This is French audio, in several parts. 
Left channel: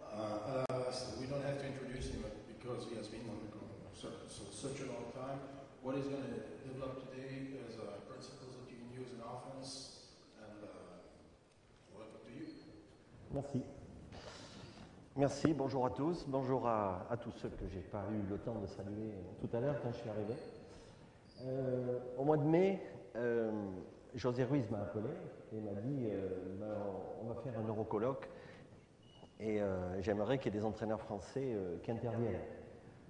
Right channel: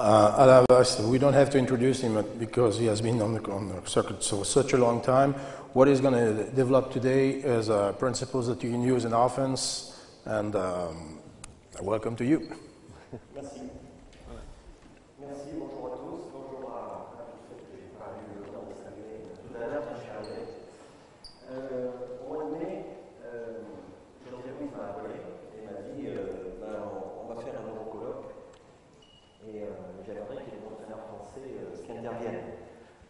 Alavas, we don't have to introduce him because he has been on the circuit for such a long time. What he's going to develop today is principles that you can use in offense, and welcome to you. Merci. Merci, bonjour à tous. Bonjour à tous ceux que j'ai pas eu le temps de saluer tout à l'heure quand je suis arrivé. Au mois de mai, José Ruiz m'a appelé et m'a dit on va faire un Eurocolloque et j'aimerais qu'il y ait des entraîneurs français qui interviennent.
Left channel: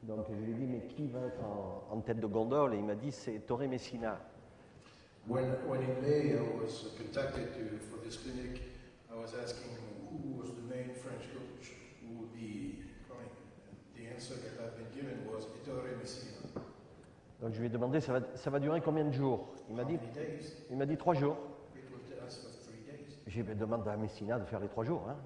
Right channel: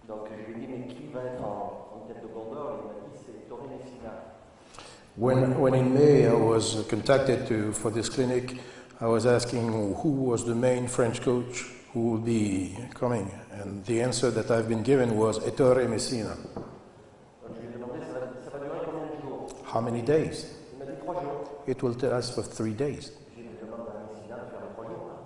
Donc je lui ai dit mais qui va être en tête de gondole, et il m'a dit c'est Ettore Messina. When in May I was contacted for this clinic, I was asking who was the main French coach who would be coming, and the answer that I've been given was Ettore Messina. Donc je lui ai demandé ça va durer combien de jours? How many days? Il m'a dit 3 jours. It will last for 3 days. J'ai demandé à Messina de faire les 3 jours. Hein.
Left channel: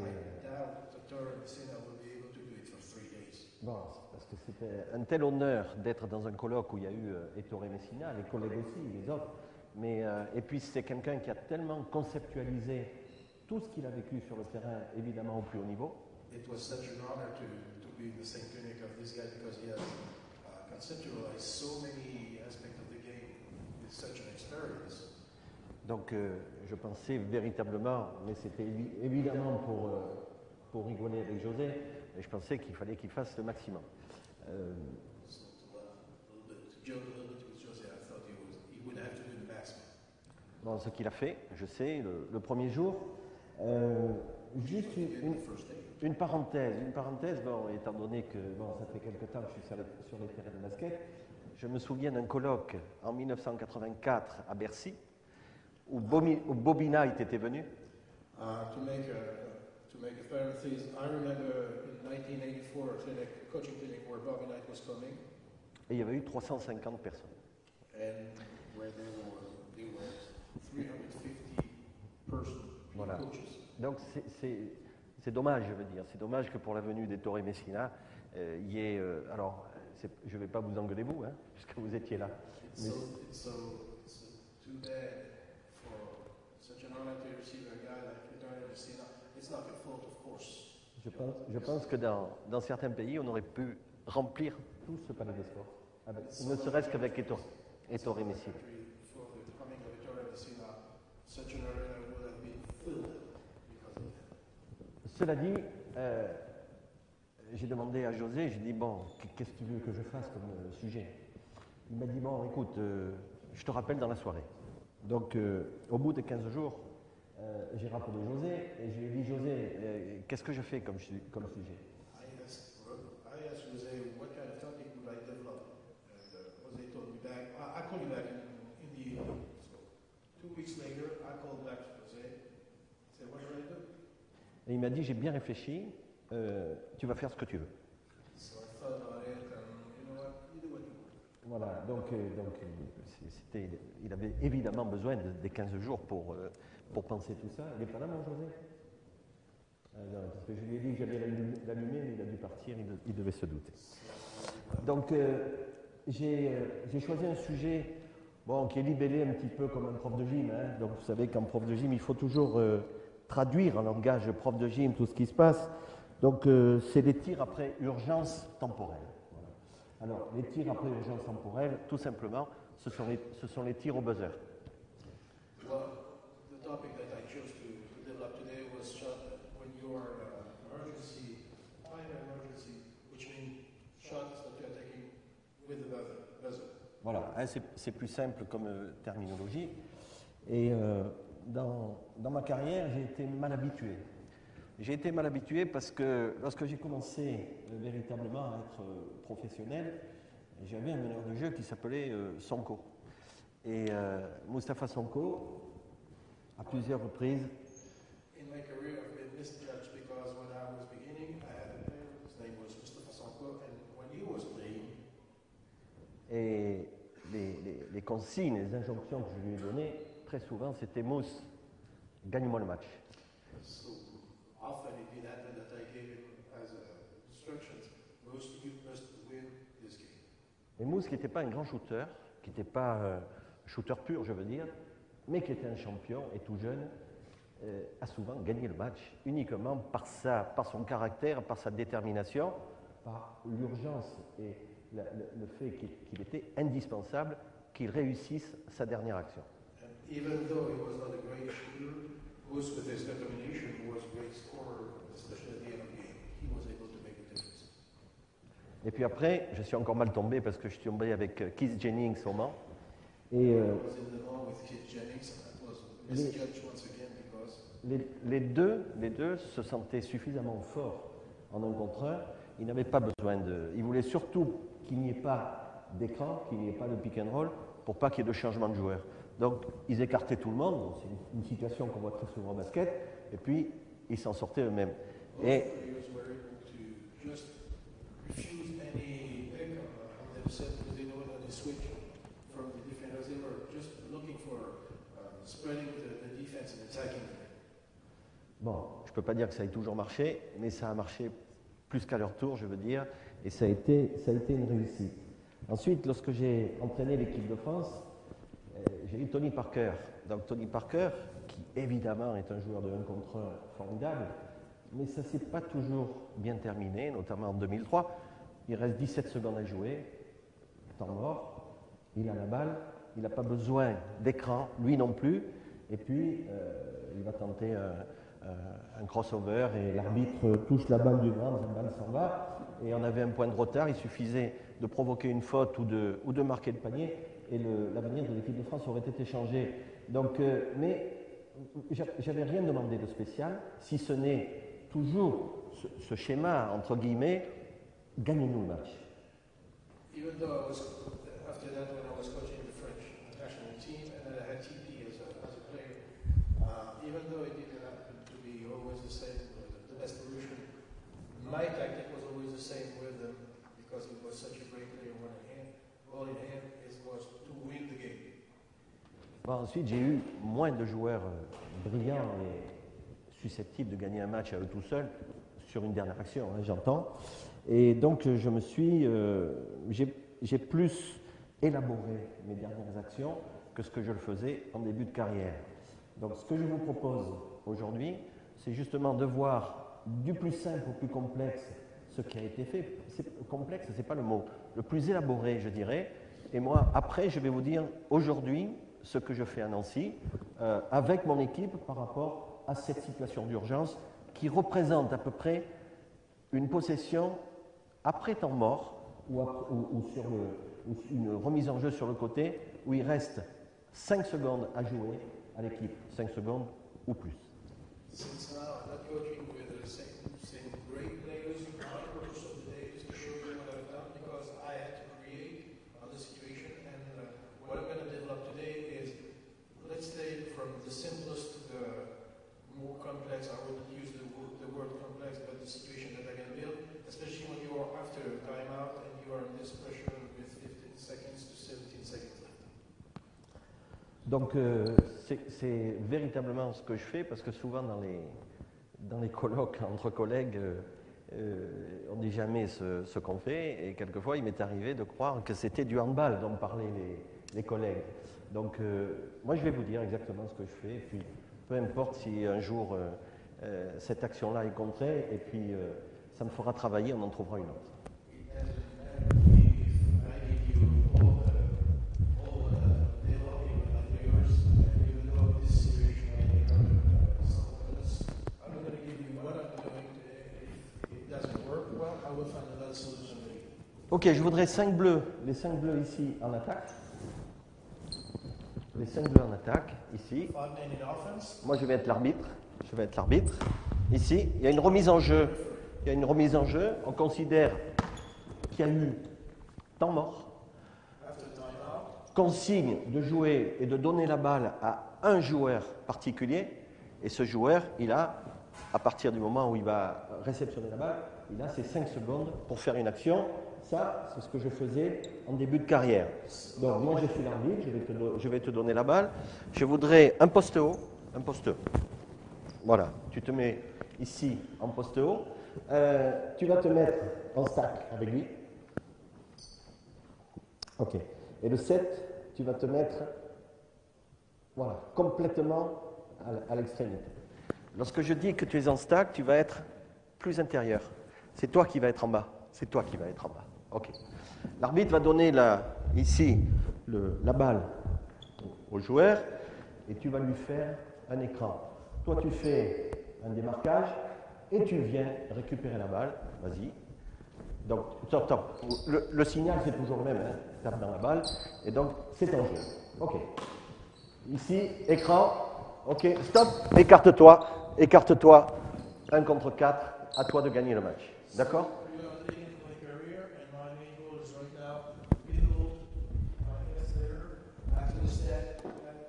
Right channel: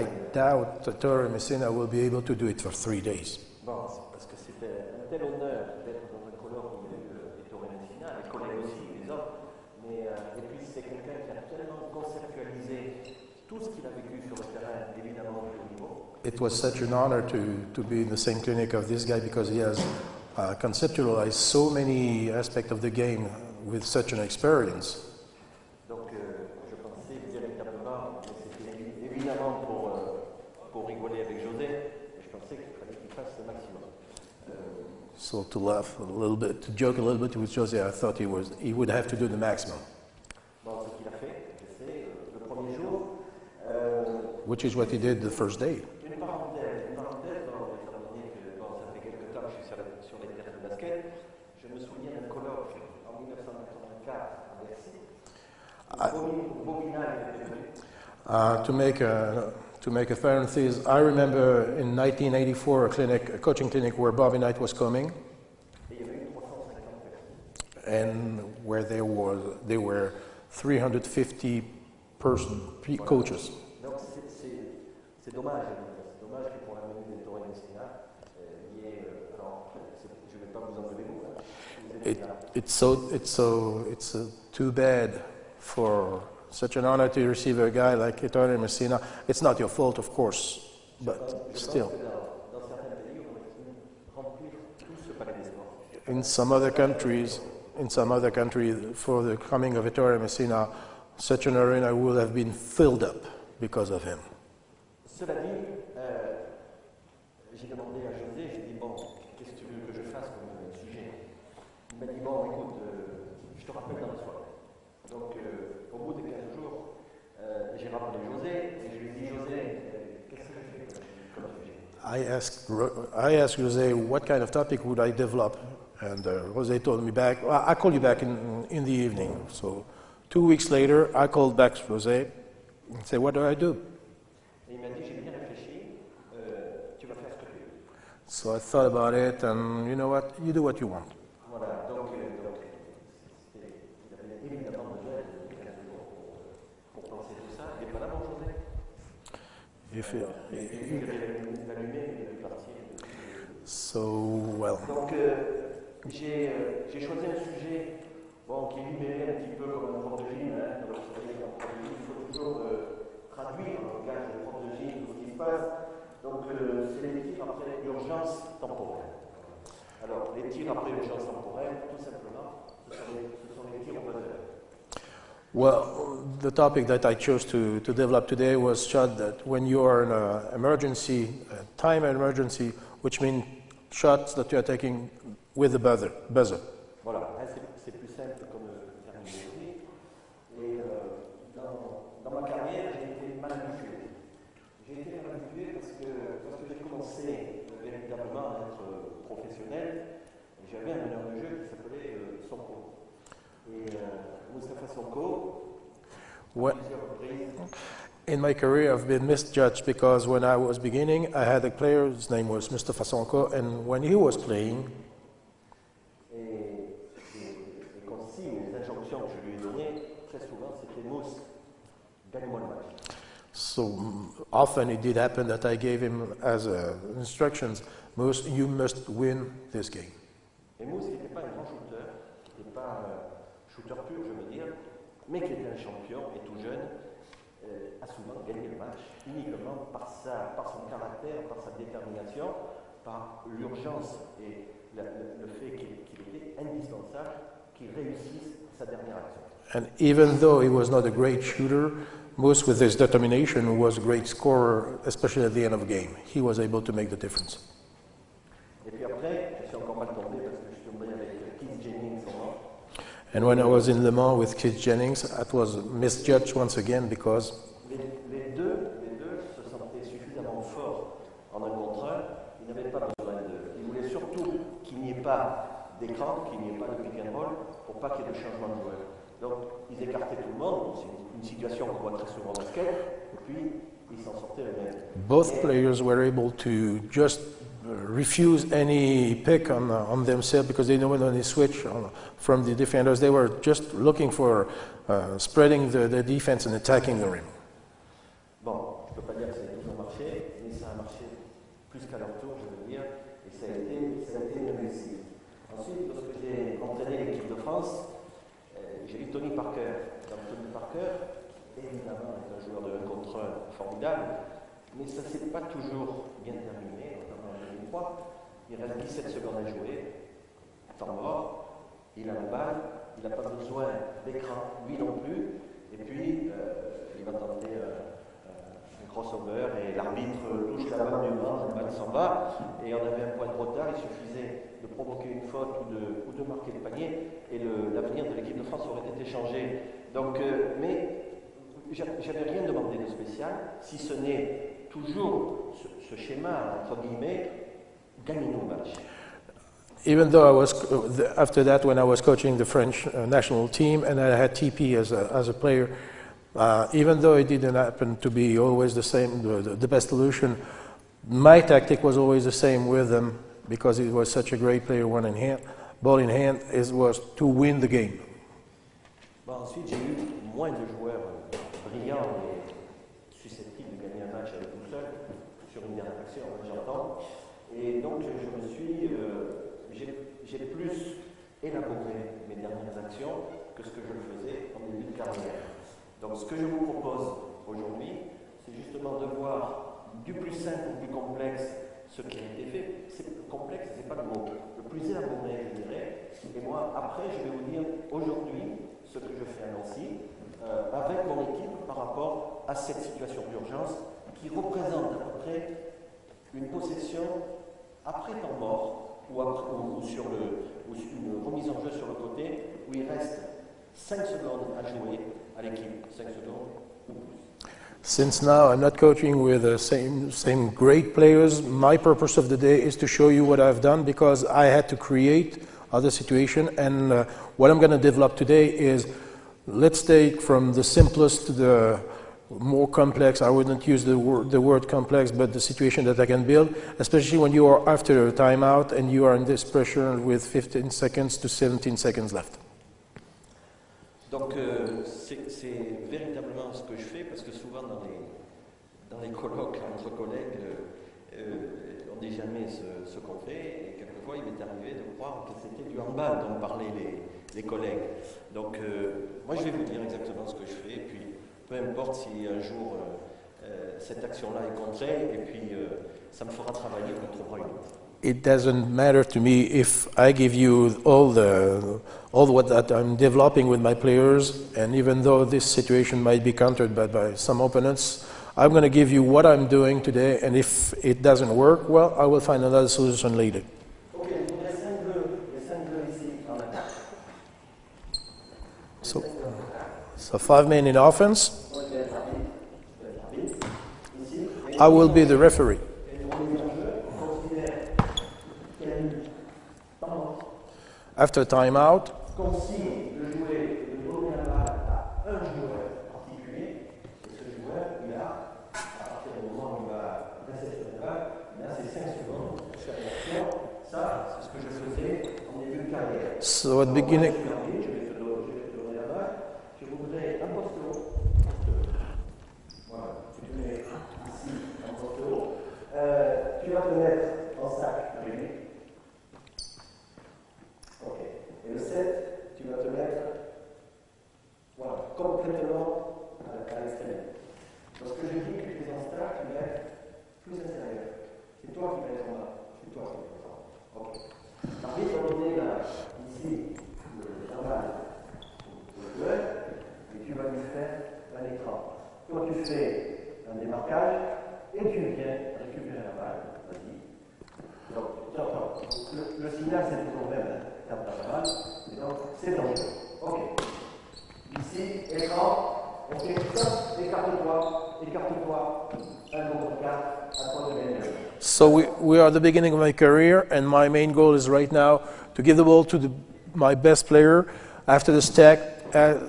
I doubt Ettore Messina will be able to do it for 3 days. Bon, parce que c'était un tel honneur d'être dans un colloque où il y a eu Ettore Messina, les collègues aussi, les autres. Mais, et puis c'est quelqu'un qui a tellement conceptualisé tout ce qu'il a vécu sur le terrain, évidemment au plus haut niveau. It was such an honor to be in the same clinic of this guy because he has conceptualized so many aspects of the game with such an experience. Donc je pensais véritablement, mais c'était évidemment pour rigoler avec José, et je pensais qu'il fallait qu'il fasse le maximum. So to laugh a little bit, to joke a little bit with Jose, I thought he would have to do the maximum. Bon, ce qu'il a fait, je sais, le premier jour. Which is what he did the first day. Une parenthèse, bon, étant donné que ça fait quelque temps que je suis sur les terrains de basket, je me souviens d'un colloque en 1984 à Bercy, où Bobby Knight était venu. To make a parenthesis, I remember in 1984 a coaching clinic where Bobby Knight was coming. Et il y avait eu 350 personnes. And where there were 350 coaches. Donc c'est dommage, je veux dire. C'est dommage que pour la venue d'Ettore Messina, il y ait. Alors, je ne vais pas vous engueuler vous. Hein, vous êtes là. It's too bad for such an honor to receive a guy like Ettore Messina. It's not your fault, of course, but still. Je pense que dans certains pays, on aurait pu remplir tout ce palais des sports. In some other countries, for the coming of Ettore Messina, such an arena would have been filled up because of him. Cela dit, j'ai demandé à José, j'ai dit bon, qu'est-ce que tu veux que je fasse comme sujet? Il m'a dit bon, écoute, je te rappelle dans la soirée. Donc, au bout de 15 jours, j'ai rappelé José et je lui ai dit José, qu'est-ce que je fais comme sujet? I asked Jose what kind of topic would I develop, and Jose told me back, well, I'll call you back in the evening. So 2 weeks later, I called back Jose and said, what do I do? Et il m'a dit, j'ai bien réfléchi, tu vas faire ce que tu veux. So I thought about it, and you know what, you do what you want. Voilà, donc il avait évidemment besoin des 15 jours pour penser tout ça, mais pas là, mon José. Il a allumé, il a dû partir, il devait se dire. So, well. Donc, j'ai choisi un sujet qui est libellé un petit peu comme un prof de gym. Hein. Donc, vous savez qu'en prof de gym, il faut toujours traduire en langage de prof de gym tout ce qui se passe. Donc, c'est les tirs après urgence temporelle. Alors, les tirs après urgence temporelle, tout simplement, ce sont les tirs au buzzer. Well, the topic that I chose to develop today was shot that when you are in an emergency, time emergency, which means shots that you are taking with the buzzer. Voilà, hein, c'est plus simple comme terminologie. Et dans ma carrière, j'ai été mal habitué. J'ai été mal habitué parce que lorsque j'ai commencé véritablement à être professionnel, j'avais un meneur de jeu qui s'appelait Sonko. Et Moustapha Sonko, à plusieurs reprises. In my career, I've been misjudged because when I was beginning, I had a player, his name was Moustapha Sonko, and when he was playing, et les consignes, les injonctions que je lui ai données, très souvent, c'était Mousse, gagne-moi le match. So often it did happen that I gave him as instructions, Mousse, you must win this game. Et Mousse, qui n'était pas un grand shooter, qui n'était pas shooter pur, je veux dire, mais qui était un champion et tout jeune, a souvent gagné le match uniquement par son caractère, par sa détermination, par l'urgence et le fait qu'il était indispensable qu'il réussisse sa dernière action. And even though he was not a great shooter, Moose, with his determination, was a great scorer, especially at the end of the game. He was able to make the difference. Et puis après, je suis encore mal tombé parce que je suis tombé avec Keith Jennings au Mans. And when I was in Le Mans with Keith Jennings, I was misjudged once again because les deux se sentaient suffisamment forts en un contre un. Ils n'avaient pas besoin de. Ils voulaient surtout qu'il n'y ait pas d'écran, qu'il n'y ait pas de pick and roll, pour pas qu'il y ait de changement de joueur. Donc ils écartaient tout le monde. C'est une situation qu'on voit très souvent en basket. Et puis ils s'en sortaient eux-mêmes. both players were able to just refuse any pick on themselves because they know when they switch from the defenders, they were just looking for spreading the defense and attacking the rim. Bon, je ne peux pas dire que ça ait toujours marché, mais ça a marché plus qu'à leur tour, je veux dire, et ça a été une réussite. Ensuite, lorsque j'ai entraîné l'équipe de France, j'ai eu Tony Parker. Donc Tony Parker, qui évidemment est un joueur de 1 contre 1 formidable, mais ça ne s'est pas toujours bien terminé, notamment en 2003. Il reste 17 secondes à jouer, temps mort, il a la balle, il n'a pas besoin d'écran, lui non plus, et puis il va tenter un crossover et l'arbitre touche la balle du ventre, la balle s'en va, et on avait un point de retard, il suffisait de provoquer une faute ou de marquer le panier, et l'avenir de l'équipe de France aurait été changé. Donc, mais j'avais rien demandé de spécial, si ce n'est toujours ce schéma, entre guillemets, gagnez-nous le match. Even though I was, after that, when I was coaching the French national team and I had TP as a player, even though it didn't happen to be always the same, the best solution, my tactic was always the same with them because he was such a great player, one in hand, ball in hand, was to win the game. Bon, ensuite, j'ai eu moins de joueurs brillants et susceptibles de gagner un match à eux tout seuls sur une dernière action, hein, j'entends. Et donc, je me suis, j'ai plus élaboré mes dernières actions que ce que je le faisais en début de carrière. Donc, ce que je vous propose aujourd'hui, c'est justement de voir du plus simple au plus complexe ce qui a été fait. C'est complexe, c'est pas le mot. Le plus élaboré, je dirais. Et moi, après, je vais vous dire aujourd'hui ce que je fais à Nancy avec mon équipe par rapport à cette situation d'urgence qui représente à peu près une possession après temps mort ou sur une remise en jeu sur le côté où il reste 5 secondes à jouer à l'équipe, 5 secondes ou plus. Since now I'm not coaching with the same great players, my purpose of the day is to show you what I've done because I had to create other situation. And what I'm going to develop today is, let's take from the simplest to the more complex. I wouldn't use the word complex, but the situation that I can build, especially when you are after a timeout and you are in this pressure with 15 seconds to 17 seconds left. Donc c'est véritablement ce que je fais parce que souvent dans les colloques entre collègues, on ne dit jamais ce qu'on fait et quelquefois il m'est arrivé de croire que c'était du handball dont parlaient les collègues. Donc moi je vais vous dire exactement ce que je fais et puis peu importe si un jour cette action-là est contrée et puis ça me fera travailler, on en trouvera une autre. It doesn't matter to me if I give you all what that I'm developing with my players, and even though this situation might be countered by some opponents, I'm going to give you what I'm doing today, and if it doesn't work, well, I will find another solution later. Ok, je voudrais 5 bleus, les 5 bleus ici en attaque. Les 5 bleus en attaque. Ici. So 5 men in offense. Moi je vais être l'arbitre. Ici, il y a une I remise will en be jeu. the referee. Il y a une remise en jeu. On considère qu'il y a eu temps mort. After timeout, Consigne de jouer et de donner la balle à un joueur particulier. Et ce joueur, il a, à partir du moment où il va réceptionner la balle, il a ses 5 secondes pour faire une action. Ça, c'est ce que je faisais en début de carrière. so at Donc, beginning, je vais te donner la balle. Je voudrais un poste haut. Voilà, tu te mets ici en poste haut. Tu vas te mettre en stack avec lui. Ok. Et le 7, tu vas te mettre voilà, complètement à l'extrémité. Lorsque je dis que tu es en stack, tu vas être plus intérieur. C'est toi qui vas être en bas. C'est toi qui vas être en bas. Ok. L'arbitre va donner ici la balle au joueur et tu vas lui faire un écran. Toi, tu fais un démarquage et tu viens récupérer la balle. Vas-y. Donc, attends. Le signal, c'est toujours le même. Tu as la balle et donc, c'est ton jeu. Ok. Ici, écran. Ok, stop. Écarte-toi. Écarte-toi. 1 contre 4. À toi de gagner le match. So we are at the beginning of my career, and my main goal is right now to give the ball to my best player. After the stack,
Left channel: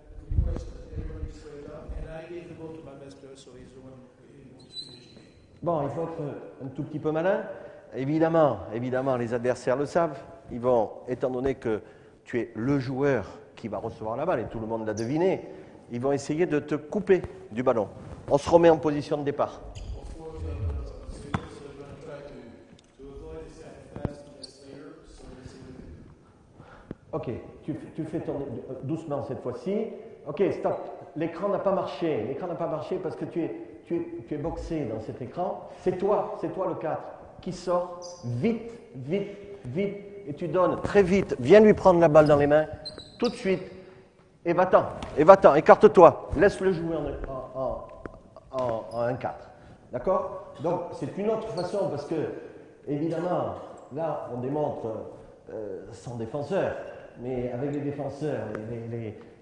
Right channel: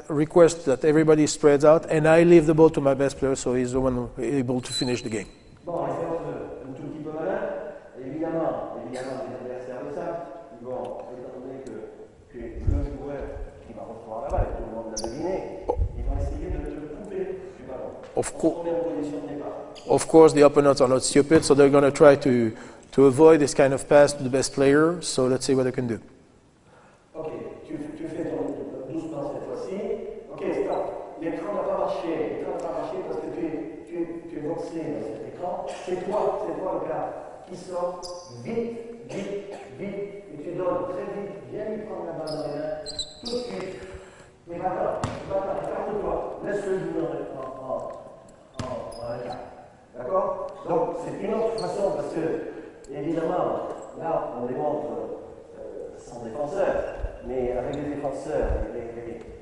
request that everybody spreads out, and I leave the ball to my best player, so he's the one able to finish the game. Bon, il faut être un tout petit peu malin. Évidemment, les adversaires le savent. Ils vont, étant donné que tu es le joueur qui va recevoir la balle, et tout le monde l'a deviné, ils vont essayer de te couper du ballon. On se remet en position de départ. Of course, the opponents are not stupid, so they're going to try to avoid this kind of pass to the best player. So let's see what they can do. Ok, tu fais doucement cette fois-ci. Ok, stop. L'écran n'a pas marché. L'écran n'a pas marché parce que tu es boxé dans cet écran. C'est toi le 4 qui sort vite, et tu donnes très vite. Viens lui prendre la balle dans les mains, tout de suite, et va-t'en, écarte-toi, laisse-le jouer en 1-4. D'accord? Donc c'est une autre façon parce que, évidemment, là on démontre sans défenseur, mais avec les défenseurs,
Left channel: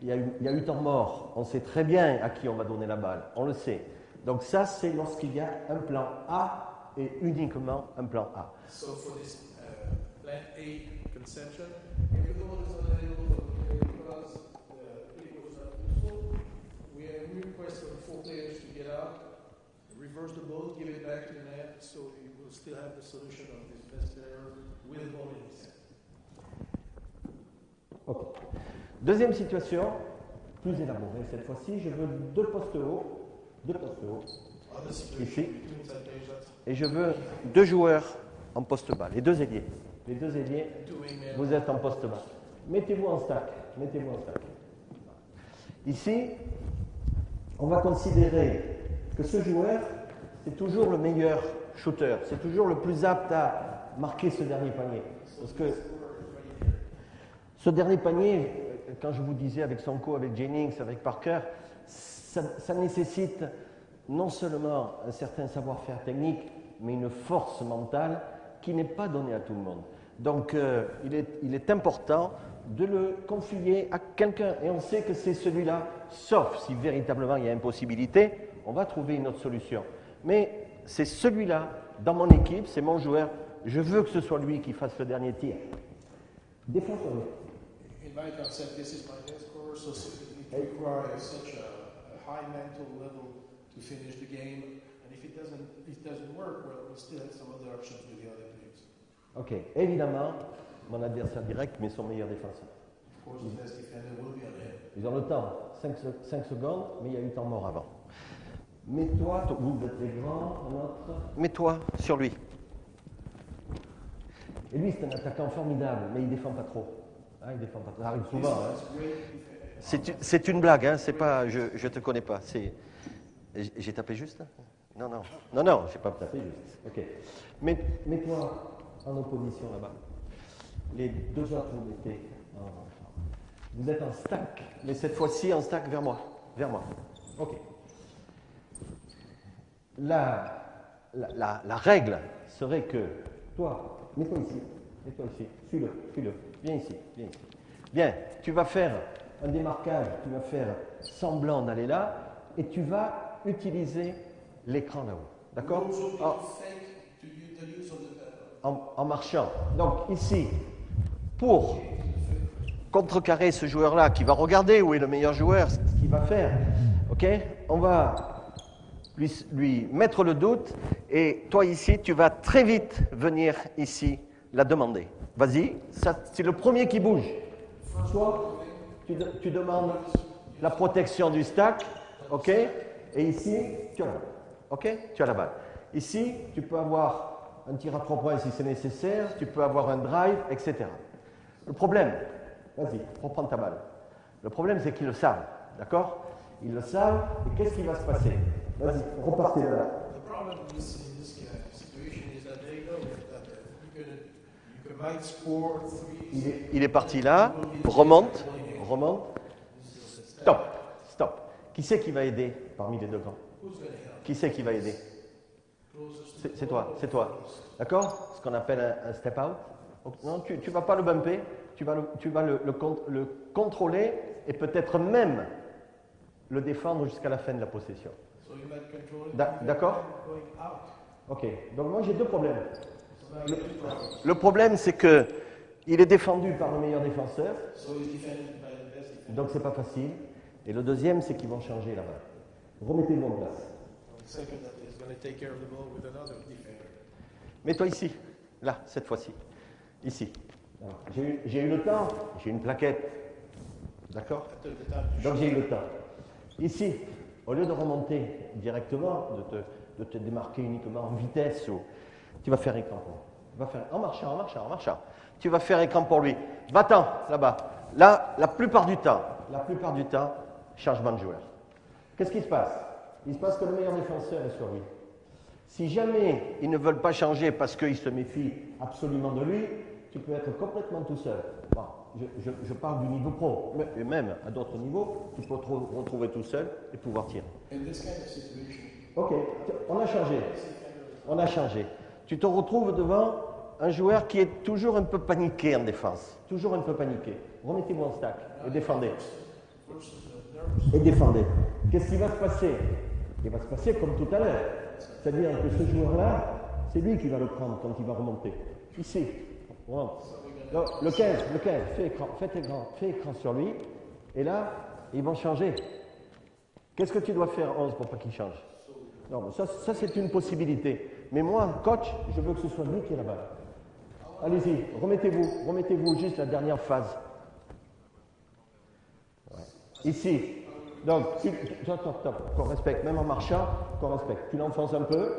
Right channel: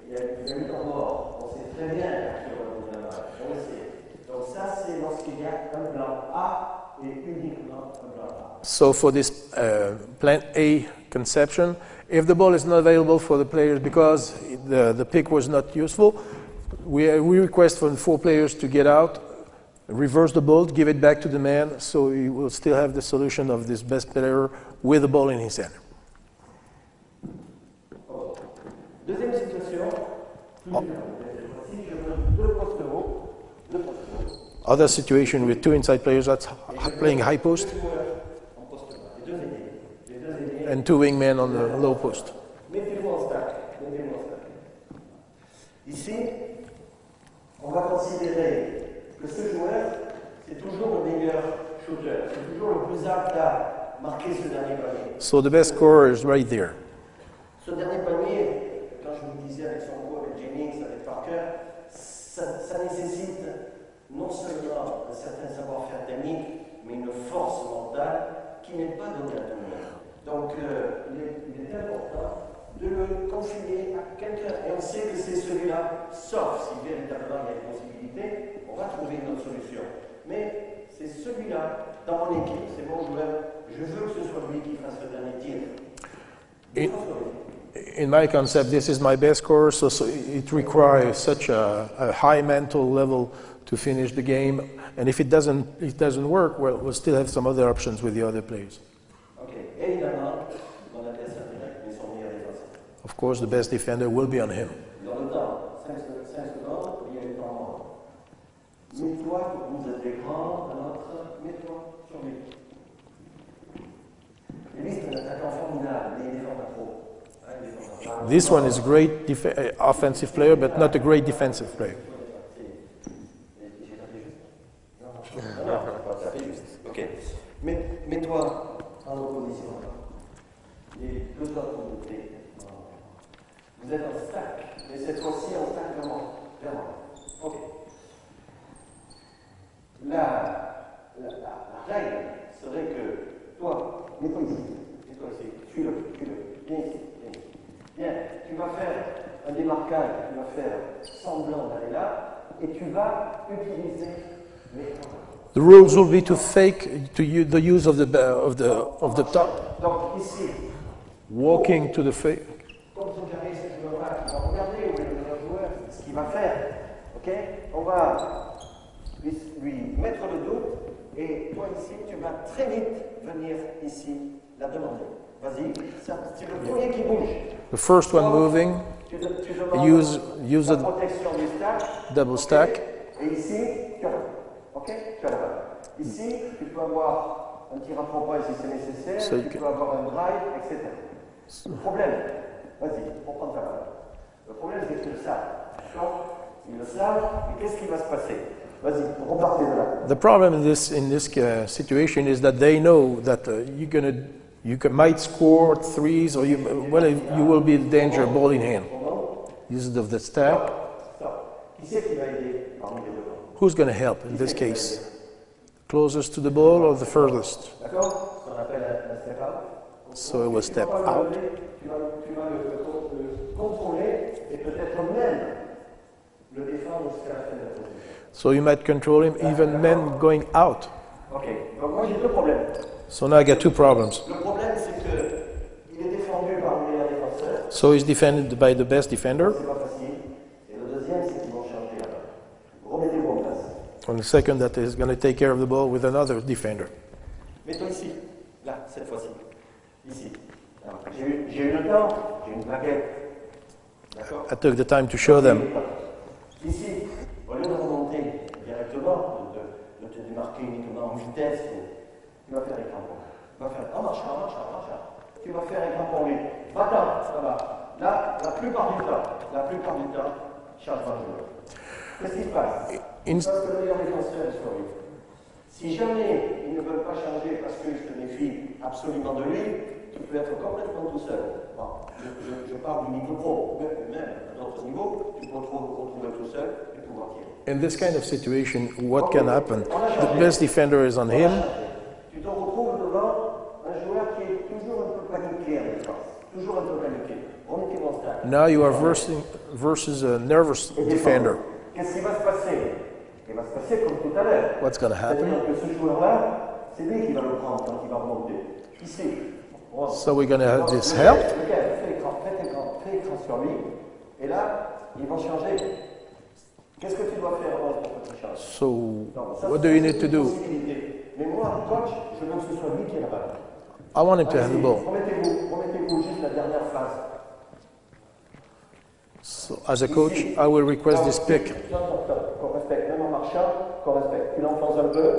il y a eu temps mort. On sait très bien à qui on va donner la balle, on le sait. Donc ça c'est lorsqu'il y a un plan A et uniquement un plan A. So for this plan A conception, if the ball is not available for the players because the pick was not useful, we request for the 4 players to get out, reverse the ball, give it back to the man, so he will still have the solution of this best player with the ball in his hand. Okay. Deuxième situation, plus élaborée cette fois-ci, je veux 2 postes hauts, 2 postes hauts. Other situation with 2 inside players that's playing high post. 2 joueurs en poste bas, les 2 ailiers. And 2 wingmen on the low post. Mettez-vous en stack. Ici, on va considérer que ce joueur, c'est toujours le meilleur shooter, c'est toujours le plus apte à marquer ce dernier panier. So the best scorer is right there. Ce dernier panier, quand je vous disais avec Sonko, avec Jennings, avec Parker, ça nécessite non seulement un certain savoir-faire technique, mais une force mentale qui n'est pas donnée à tout le monde. Donc il est important de le confier à quelqu'un, et on sait que c'est celui-là, sauf si véritablement il y a impossibilité, on va trouver une autre solution. Mais c'est celui-là, dans mon équipe, c'est mon joueur, je veux que ce soit lui qui fasse ce dernier tir. In my concept, this is my best scorer, so it requires such a high mental level to finish the game. And if it doesn't work, well, we'll still have some other options with the other players. Ok, évidemment, mon adversaire direct, mais son meilleur défenseur. Of course, the best defender will be on him. Vous avez le temps, 5 secondes, mais il y a eu le temps mort avant. Mets-toi, vous êtes les grands, mets-toi sur lui. Et lui, c'est un attaquant formidable, mais il ne défend pas trop. This one is a great offensive player, but not a great defensive player. Je ne te connais pas. J'ai tapé juste là? Non, je n'ai pas tapé juste. Ok. Mets-toi en opposition là. Les 2 autres côtés. Vous êtes en stack, mais cette fois-ci en stack vers moi. Ok. La règle serait que toi, mets-toi ici. Suis-le. Viens ici. Bien, tu vas faire un démarquage, tu vas faire semblant d'aller là, et tu vas utiliser l'écran là. The rules will be to fake the use of the top. Donc ici, Walking to the fake. contrecarrer ce joueur-là qui va regarder où est le meilleur joueur, ce qu'il va faire. Ok? On va lui mettre le doute, et toi ici, tu vas très vite venir ici la demander. Vas-y, c'est le premier qui bouge. The first one moving, Tu demandes use la a protection du stack. double Okay? stack. Et ici, tu as la balle. Ok? Tu as la balle. Ici, tu peux avoir un tir à propos si c'est nécessaire, So tu peux avoir un drive, etc. Le problème, vas-y, reprends ta balle. Le problème, c'est qu'ils le savent. D'accord? Ils le savent, et qu'est-ce qui va se passer? Vas-y, repartez de là. The problem in this situation is that they know that might score threes or Il est parti là. you will be in danger, Remonte. ball in hand. Remonte. Use of the step. Stop. Stop. Qui c'est qui va aider parmi les deux camps? Who's going to help Qui in c'est this qui va case? aider? Closest to the ball or the furthest? D'accord? Ce qu'on appelle un step out. Donc, So non, it was tu ne vas step pas le out. bouger, tu vas le contrôler et peut-être même le défendre jusqu'à la fin de la possession. So you might control him, even D'accord. men going out. Ok, donc moi j'ai deux problèmes. So now I got two problems. Le problème c'est que il est défendu par le meilleur défenseur, So he's defended by the best defender. c'est pas facile. Et le deuxième c'est qu'ils vont changer la balle. Remettez-vous en place. And the second that is going to take care of the ball with another defender. Mets-toi ici, là, cette fois-ci. Ici. Alors, j'ai eu le temps, j'ai une plaquette. D'accord? I took the time to show them. Ici, au lieu de remonter directement, de te démarquer uniquement en vitesse, tu vas faire écran. Tu vas faire en marchant. Tu vas faire écran pour lui. Va-t'en, là-bas. Là, la plupart du temps, changement de joueur. Qu'est-ce qui se passe? Il se passe que le meilleur défenseur est sur lui. Si jamais ils ne veulent pas changer parce qu'ils se méfient absolument de lui, tu peux être complètement tout seul. Bon, je parle du niveau pro, mais même à d'autres niveaux, tu peux te retrouver tout seul et pouvoir tirer. In this kind of situation, what can happen? The best defender is on him. Tu te retrouves devant un joueur qui est toujours un peu paniqué en défense. Toujours un peu paniqué. Remettez-moi en stack. Now you are versus a nervous defender. Qu'est-ce qui va se passer? Il va se passer comme tout à l'heure. What's going to happen? C'est-à-dire que ce joueur-là, c'est lui qui va le prendre quand il va remonter. Ici. So we're going to have this help. Fais écran sur lui. Et là, ils vont changer. Qu'est-ce que tu dois faire pour pas qu'il change? So Non, ça, what do you need to c'est une do? possibilité. Mais moi, coach, je veux que ce soit lui qui la balle. I want him to have the ball. Remettez-vous juste la dernière phase. So as a coach, I will request this pick. Qu'on respecte, même en marchant, qu'on respecte. Tu l'enfonces un peu,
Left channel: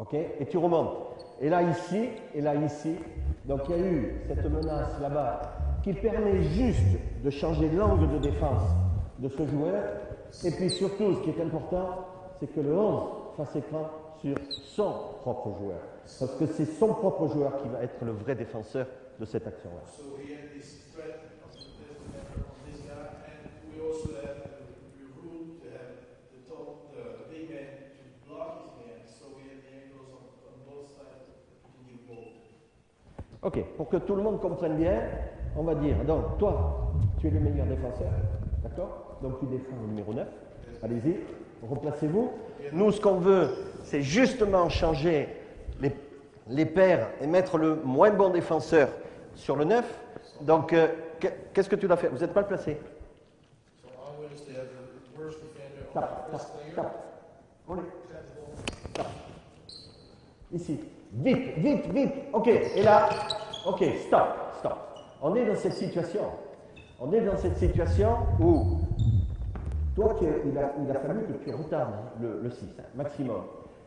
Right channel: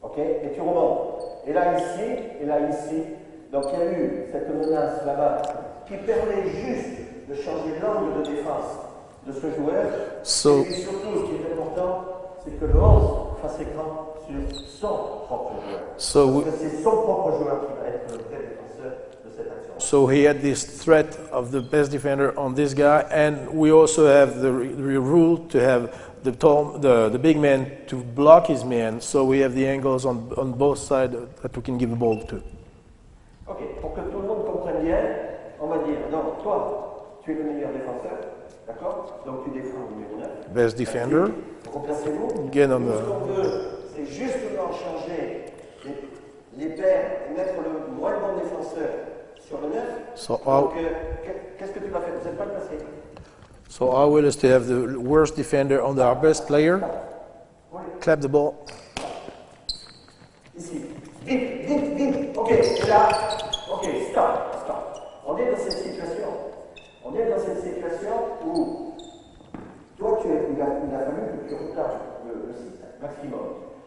ok, et tu remontes. Et là, ici, donc il y a eu cette menace là-bas qui permet juste de changer l'angle de défense de ce joueur. So- Et puis surtout, ce qui est important, c'est que le 11 fasse écran sur son propre joueur. So Parce que c'est son propre joueur qui va être le vrai défenseur de cette action. So he had this threat of the best defender on this guy, and we also have the rule to have the big man to block his man. So we have the angles on both sides that we can give the ball to. Ok, pour que tout le monde comprenne bien, on va dire, non, toi, tu es le meilleur défenseur, d'accord? Donc tu défends le numéro 9. Best defender. Replacez-vous. Again on Nous, the- ce qu'on veut, c'est justement changer les paires et mettre le moins bon défenseur sur le 9. So Donc, qu'est-ce que tu dois faire? Vous êtes mal placé. So our will is to have the worst defender on our best player. Clap the ball. Ici. Vite. Ok, et là, ok, stop. On est dans cette situation. Où toi, il a fallu que tu retardes le 6, maximum.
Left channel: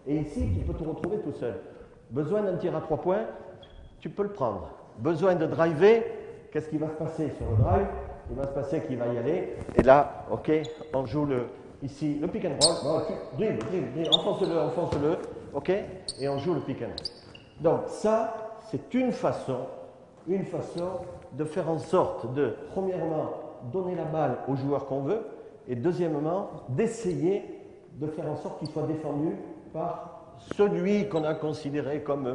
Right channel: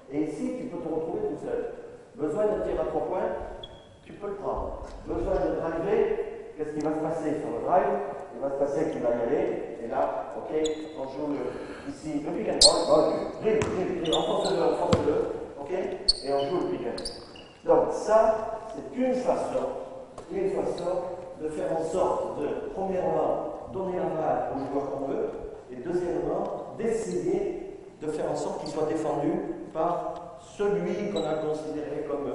Et ici, tu peux te retrouver tout seul. Besoin d'un tir à 3 points, tu peux le prendre. Besoin de driver, qu'est-ce qui va se passer sur le drive? Il va se passer qu'il va y aller. Et là, ok, on joue ici, le pick and roll. Dribble, enfonce-le, ok? Et on joue le pick and roll. Donc ça, c'est une façon de faire en sorte de, premièrement, donner la balle au joueur qu'on veut, et deuxièmement, d'essayer de faire en sorte qu'il soit défendu par celui qu'on a considéré comme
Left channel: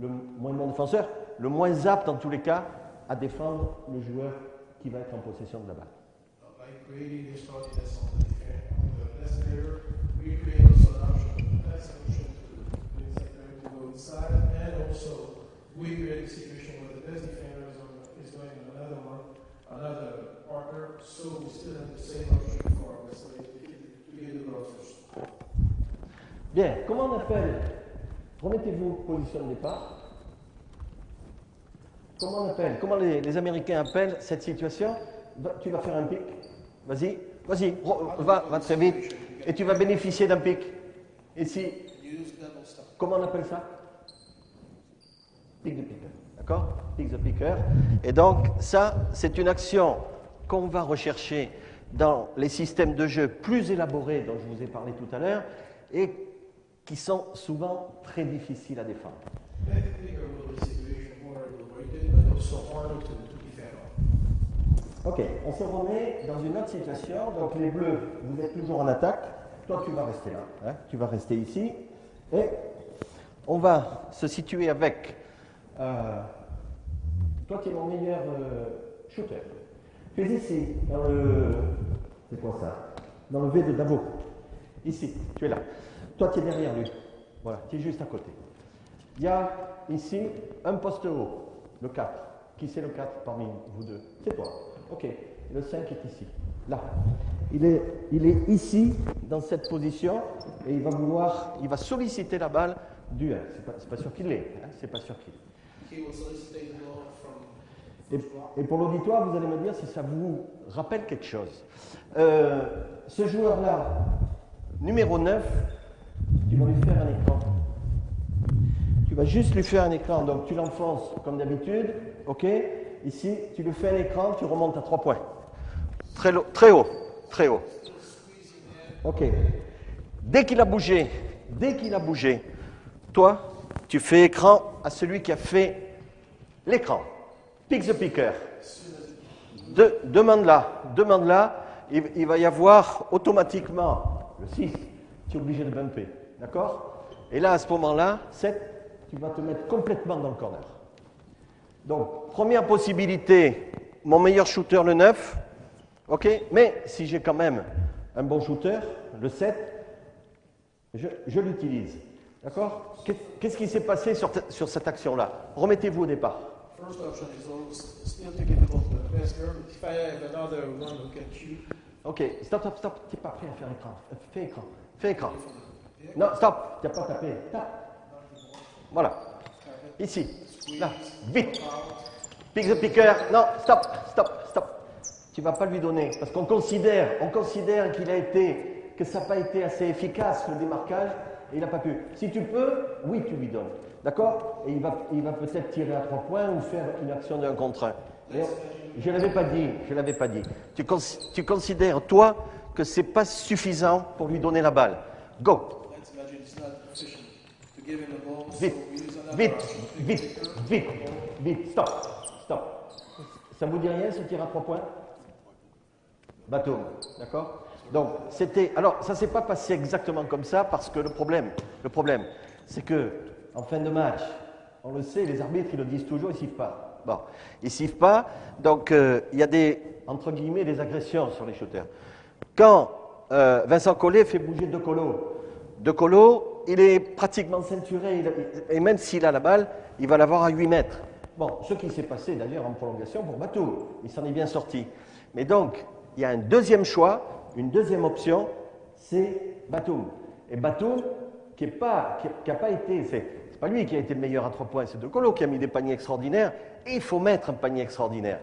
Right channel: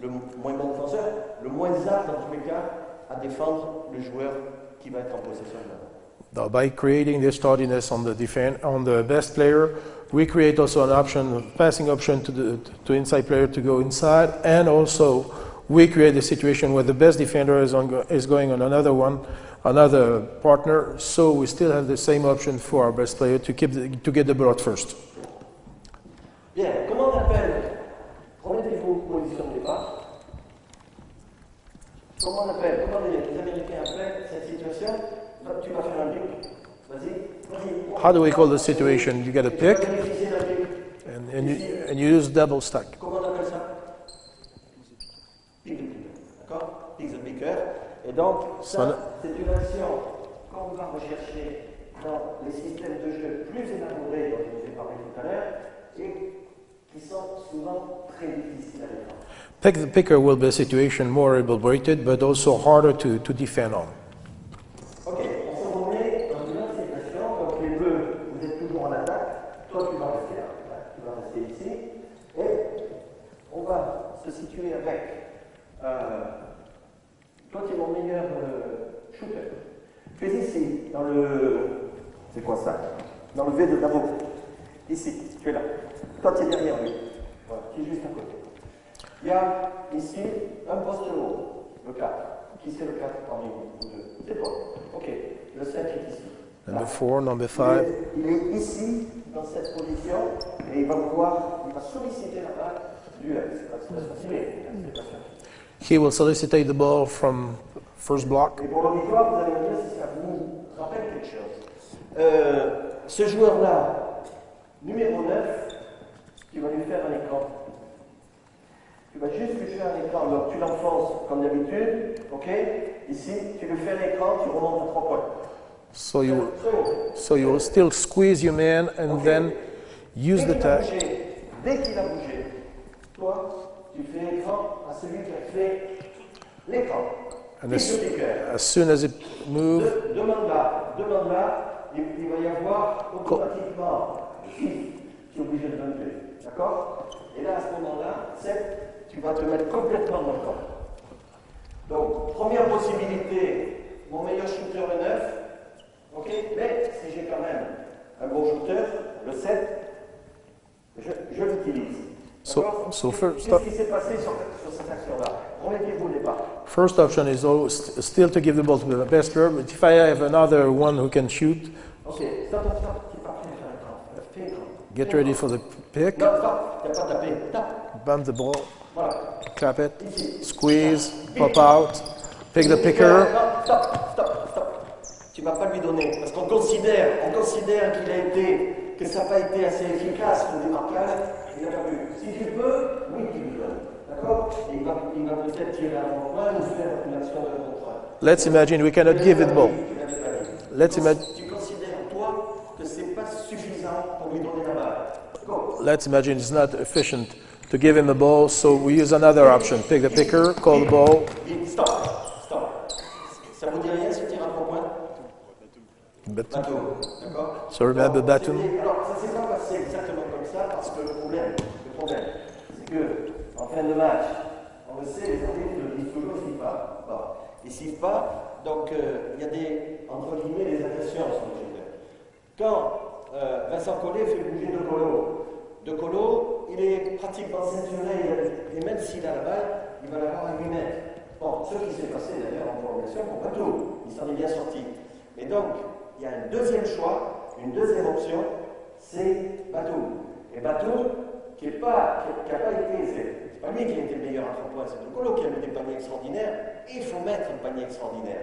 le moins bon défenseur, le moins apte dans tous les cas à défendre le joueur qui va être en possession de la balle. Now, by creating this tardiness on the best player, we create also an option, passing option to inside player to go inside, and also we create a situation where the best defender is going on another partner. So we still have the same option for our best player to get the ball at first. Bien, comment on appelle? Remettez-vous en position de départ. Comment les Américains appellent cette situation? Tu vas faire un pic. Vas-y. How do we call the situation? You get a Et tu vas pick, bénéficier d'un pic. and you use double stack. Comment on appelle ça? Pick the picker. D'accord? Pick the picker. Et donc, ça, c'est une action qu'on va rechercher dans les systèmes de jeu plus élaborés dont je vous ai parlé tout à l'heure et qui sont souvent très difficiles à défendre. Pick the picker will be a situation more elaborated, but also harder to defend on. Ok, on se remet dans une autre situation. Donc les bleus, vous êtes toujours en attaque. Toi, tu vas rester là. Hein, tu vas rester ici. Et on va se situer avec. Toi, tu es mon meilleur shooter. Tu es ici, dans le. C'est quoi ça? Dans le V de la moto. Ici, tu es là. Toi, tu es derrière lui. Voilà, tu es juste à côté. Il y a ici un poste haut, le 4. Qui c'est le 4 parmi vous deux? C'est toi. Ok, le 5 est ici. Là. Number 4, number 5. Il est ici, dans cette position, et il va solliciter la balle du 1. C'est pas sûr qu'il est. C'est pas sûr. He will solicitate the ball from first block. Et pour l'auditoire, vous allez me dire si ça vous rappelle quelque chose. Ce joueur-là, numéro 9, il va lui faire un écran. Tu vas juste lui faire un écran. Donc tu l'enfonces comme d'habitude, ok? Ici, tu lui fais un écran, tu remontes à 3 points. So Très, you, très haut. so très you haut. will still squeeze your man and Okay. then use Dès the qu'il a tap. bougé, toi, tu fais écran à celui qui a fait l'écran. And Pick the picker. as soon as it moves, Demande-la, il va y avoir automatiquement le 6, tu es obligé de bumper, d'accord? Et là, à ce moment-là, 7, tu vas te mettre complètement dans le corps. Donc, première possibilité, mon meilleur shooter, le 9, ok? Mais si j'ai quand même un bon shooter, le 7, je l'utilise. D'accord? Qu'est-ce qui s'est passé sur cette action-là? Remettez-vous au départ. first option is still to give the ball to the best player, but if I have another one who can shoot, Ok, stop, tu n'es pas prêt à faire écran. Fais écran. get Fais ready écran. for the pick, Non, stop, tu n'as pas tapé. Tape. bump the ball, Voilà, clap it, ici. squeeze, Vite. pop out, pick the picker. Non, stop. Tu ne vas pas lui donner, parce qu'on considère que ça n'a pas été assez efficace le démarquage, et il n'a pas pu. Si tu peux, oui, tu lui donnes. D'accord? Et il va peut-être tirer à 3 points ou faire une action d'un contre 1. Let's imagine we cannot give it ball. Je ne l'avais pas dit. Let's Tu considères, toi, que ce n'est pas suffisant pour lui donner la balle. Go. Let's imagine it's not efficient to give him a ball, so we use another option. Pick the picker, call the ball. Vite, stop. Ça ne vous dit rien s'il tire à 3 points? Bateau, d'accord? So remember Batum. Alors, ça ne s'est pas passé exactement comme ça parce que le problème, c'est que en fin de match, on le sait, les arbitres ils le disent toujours, ils ne sifflent pas. Bon, ils ne sifflent pas, donc il y a entre guillemets, des agressions sur les shooters. Quand Vincent Collet fait bouger De Colo, il est pratiquement ceinturé, et même s'il a la balle, il va l'avoir à 8 mètres. Bon, ce qui s'est passé d'ailleurs en prolongation pour Bateau, il s'en est bien sorti. Mais donc, il y a un deuxième choix, une deuxième option, c'est Bateau. Et Bateau, qui n'a pas été, c'est pas lui qui a été le meilleur à 3 points, c'est De Colo qui a mis des paniers extraordinaires, et il faut mettre un panier extraordinaire.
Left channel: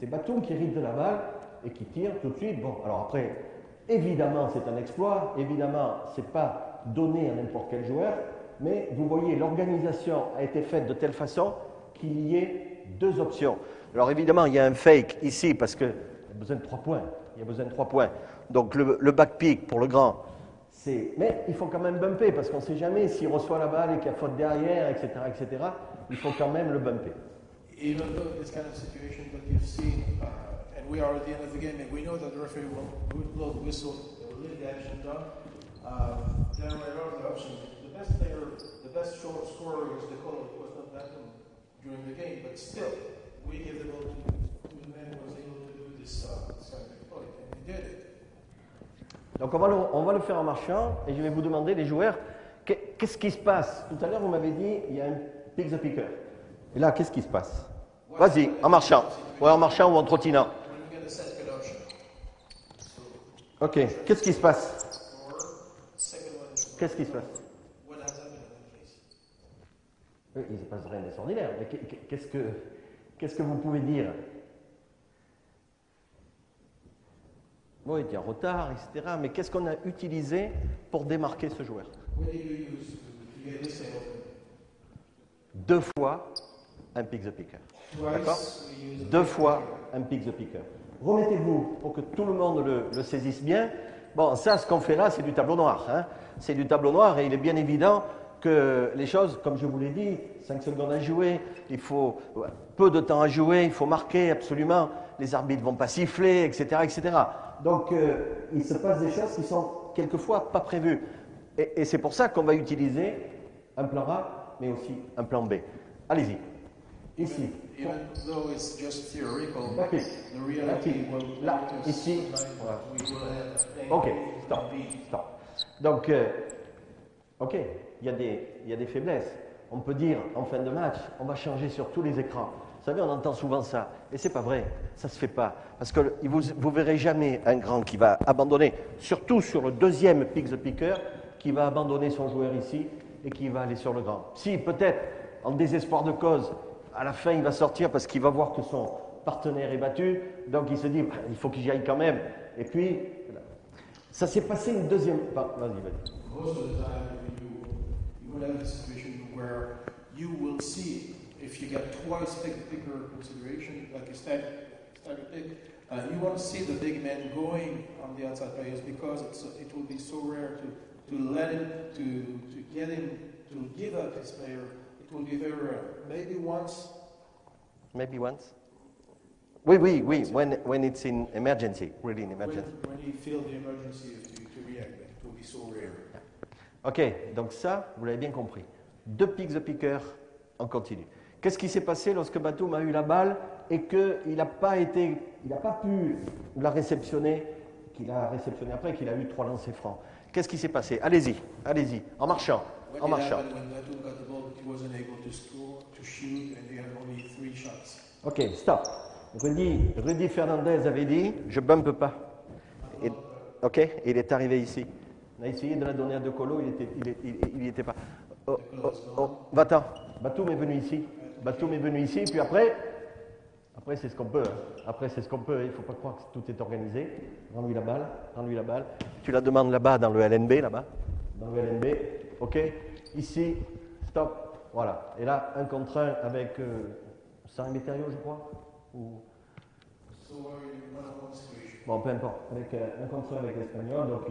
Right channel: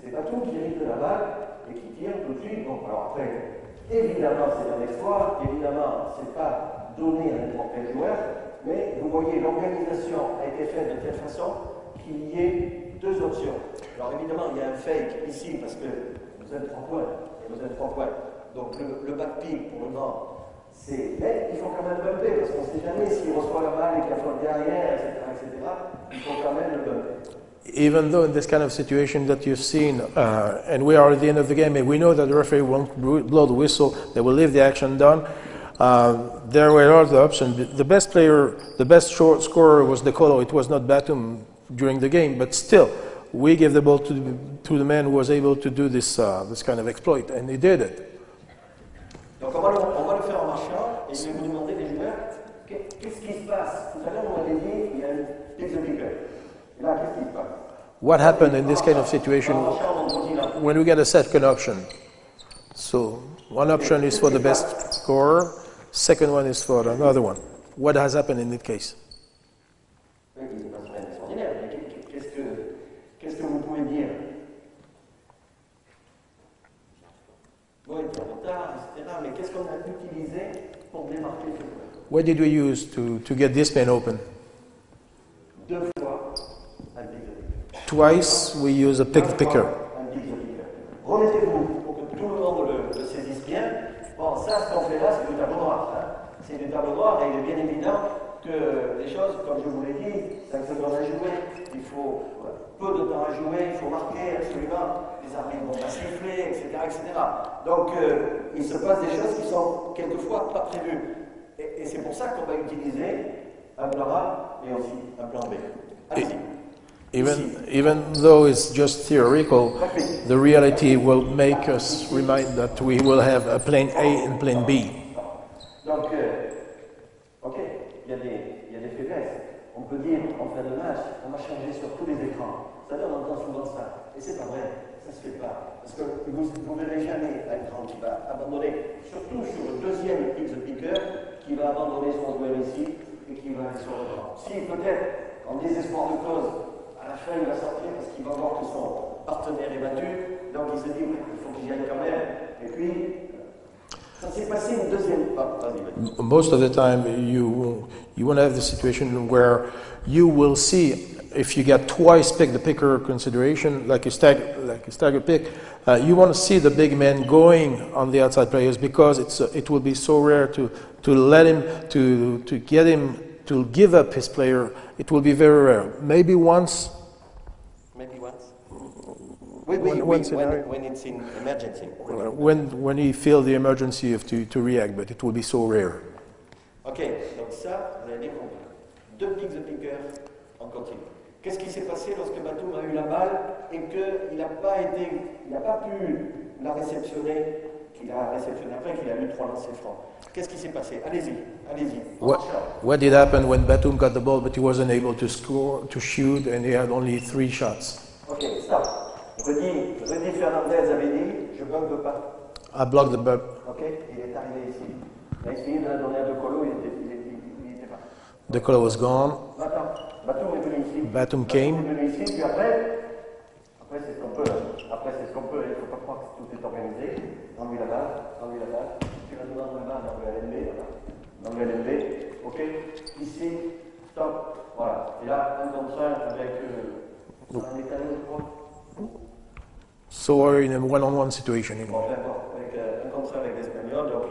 C'est Bateau qui hérite de la balle et qui tire tout de suite. Bon, alors après, évidemment, c'est un exploit, évidemment, c'est pas donné à n'importe quel joueur, mais vous voyez, l'organisation a été faite de telle façon qu'il y ait 2 options. Alors évidemment, il y a un fake ici parce que il y a besoin de 3 points. Donc le back pick pour le grand, mais il faut quand même bumper parce qu'on ne sait jamais s'il reçoit la balle et qu'il y a faute derrière, etc. Il faut quand même le bumper. Even though in this kind of situation that you've seen, and we are at the end of the game, and we know that the referee won't blow the whistle, they will leave the action done. There were other options. The best player, the best short scorer was De Colo. It was not Batum during the game, but still, we gave the ball to the man who was able to do this kind of exploit, and he did it. Donc on va le faire en marchant, et je vais vous demander, les joueurs, qu'est-ce qui se passe? Tout à l'heure, on m'avait dit, il y a un pick the picker. Et là, qu'est-ce qui se passe? What happened in this kind of situation? En marchant ou en trottinant? When we get a second option. So one option is for the best scorer, second one is for another one. What has happened in that case? Il se passe rien d'extraordinaire. Qu'est-ce que vous pouvez dire? Oui, il est en retard, etc. Mais qu'est-ce qu'on a utilisé pour démarquer ce joueur? What did we use to get this man open? 2 fois un pick the picker. Twice we use a pick picker. Un pick the picker. remettez-vous pour que tout le monde le saisisse bien. Bon, ça, ce qu'on fait là, c'est du tableau noir. Hein. C'est du tableau noir et il est bien évident que les choses, comme je vous l'ai dit, 5 secondes à jouer, il faut peu de temps à jouer, il faut marquer absolument, les arbitres ne vont pas siffler, etc. etc. Donc, il se passe des choses qui sont quelquefois pas prévues. Et c'est pour ça qu'on va utiliser un plan A, mais aussi un plan B. Allez-y. Even though it's just theoretical, the reality will make us remind that we will have a plan A and plan B. Donc, ok, il y a des faiblesses. On peut dire en fin de match, on va changer sur tous les écrans. Vous savez, on entend souvent ça, et c'est pas vrai, ça se fait pas. Parce que vous verrez jamais un grand qui va abandonner, surtout sur le deuxième pick the picker, qui va abandonner son joueur ici et qui va aller sur le banc. Si, peut-être, en désespoir de cause, à la fin, il va sortir parce qu'il va voir que son partenaire est battu, donc il se dit, il faut qu'il y aille quand même. Et puis, ça s'est passé une deuxième fois. Vas-y. Most of the time, you won't have the situation where you will see, if you get twice pick the picker consideration, like a stagger pick, you want to see the big man going on the outside players because it will be so rare to let him, to get him to give up his player. It will be very rare. Maybe once. Maybe once. When it's in emergency. Really. When he feel the emergency to react, but it will be so rare. Ok, donc ça, vous l'avez bien compris. 2 pick the picker en continu. Qu'est-ce qui s'est passé lorsque Batum a eu la balle et qu'il n'a pas pu la réceptionner, qu'il a réceptionné après, qu'il a eu 3 lancers francs. Qu'est-ce qui s'est passé? Allez-y, en marchant. What did happen when Batum got the ball, but he wasn't able to score, to shoot, and he had only 3 shots? Ok, stop. Rudy Fernandez avait dit, je bump pas. I blocked the bump. Ok, il est arrivé ici. Il a essayé de la donner à De Colo, il n'y était pas. De Colo was gone. Va-t'en. Batum est venu ici. Batum came. Est venu ici, puis après c'est ce qu'on peut. Après c'est ce qu'on peut. Il ne faut pas croire que tout est organisé. Rends-lui la balle. Tu la demandes là-bas dans le LNB, là-bas. Dans le LNB. Ok. Ici, stop. Voilà. Et là, un contre un avec. C'est un métallo, je crois. So we're in a one-on-one situation. Bon, peu importe. Avec un contre un avec l'Espagnol, donc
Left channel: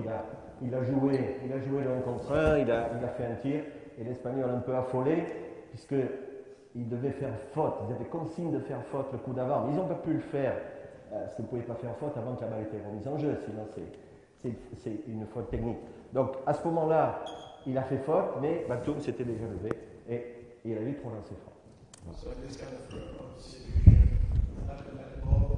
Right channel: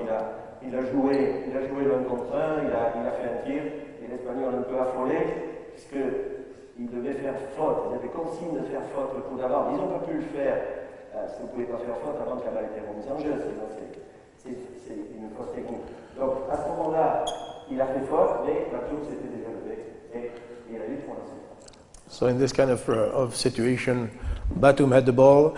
il a joué le 1 contre 1, il a fait un tir, et l'Espagnol un peu affolé, puisqu'il devait faire faute. Ils avaient consigne de faire faute le coup d'avant. Ils n'ont pas pu le faire, parce qu'ils ne pouvaient pas faire faute avant qu'elle ait été remise en jeu, sinon c'est une faute technique. Donc à ce moment-là, il a fait faute, mais Batum s'était déjà levé, et il a eu 3 lancers. So in this kind of situation, Batum had the ball.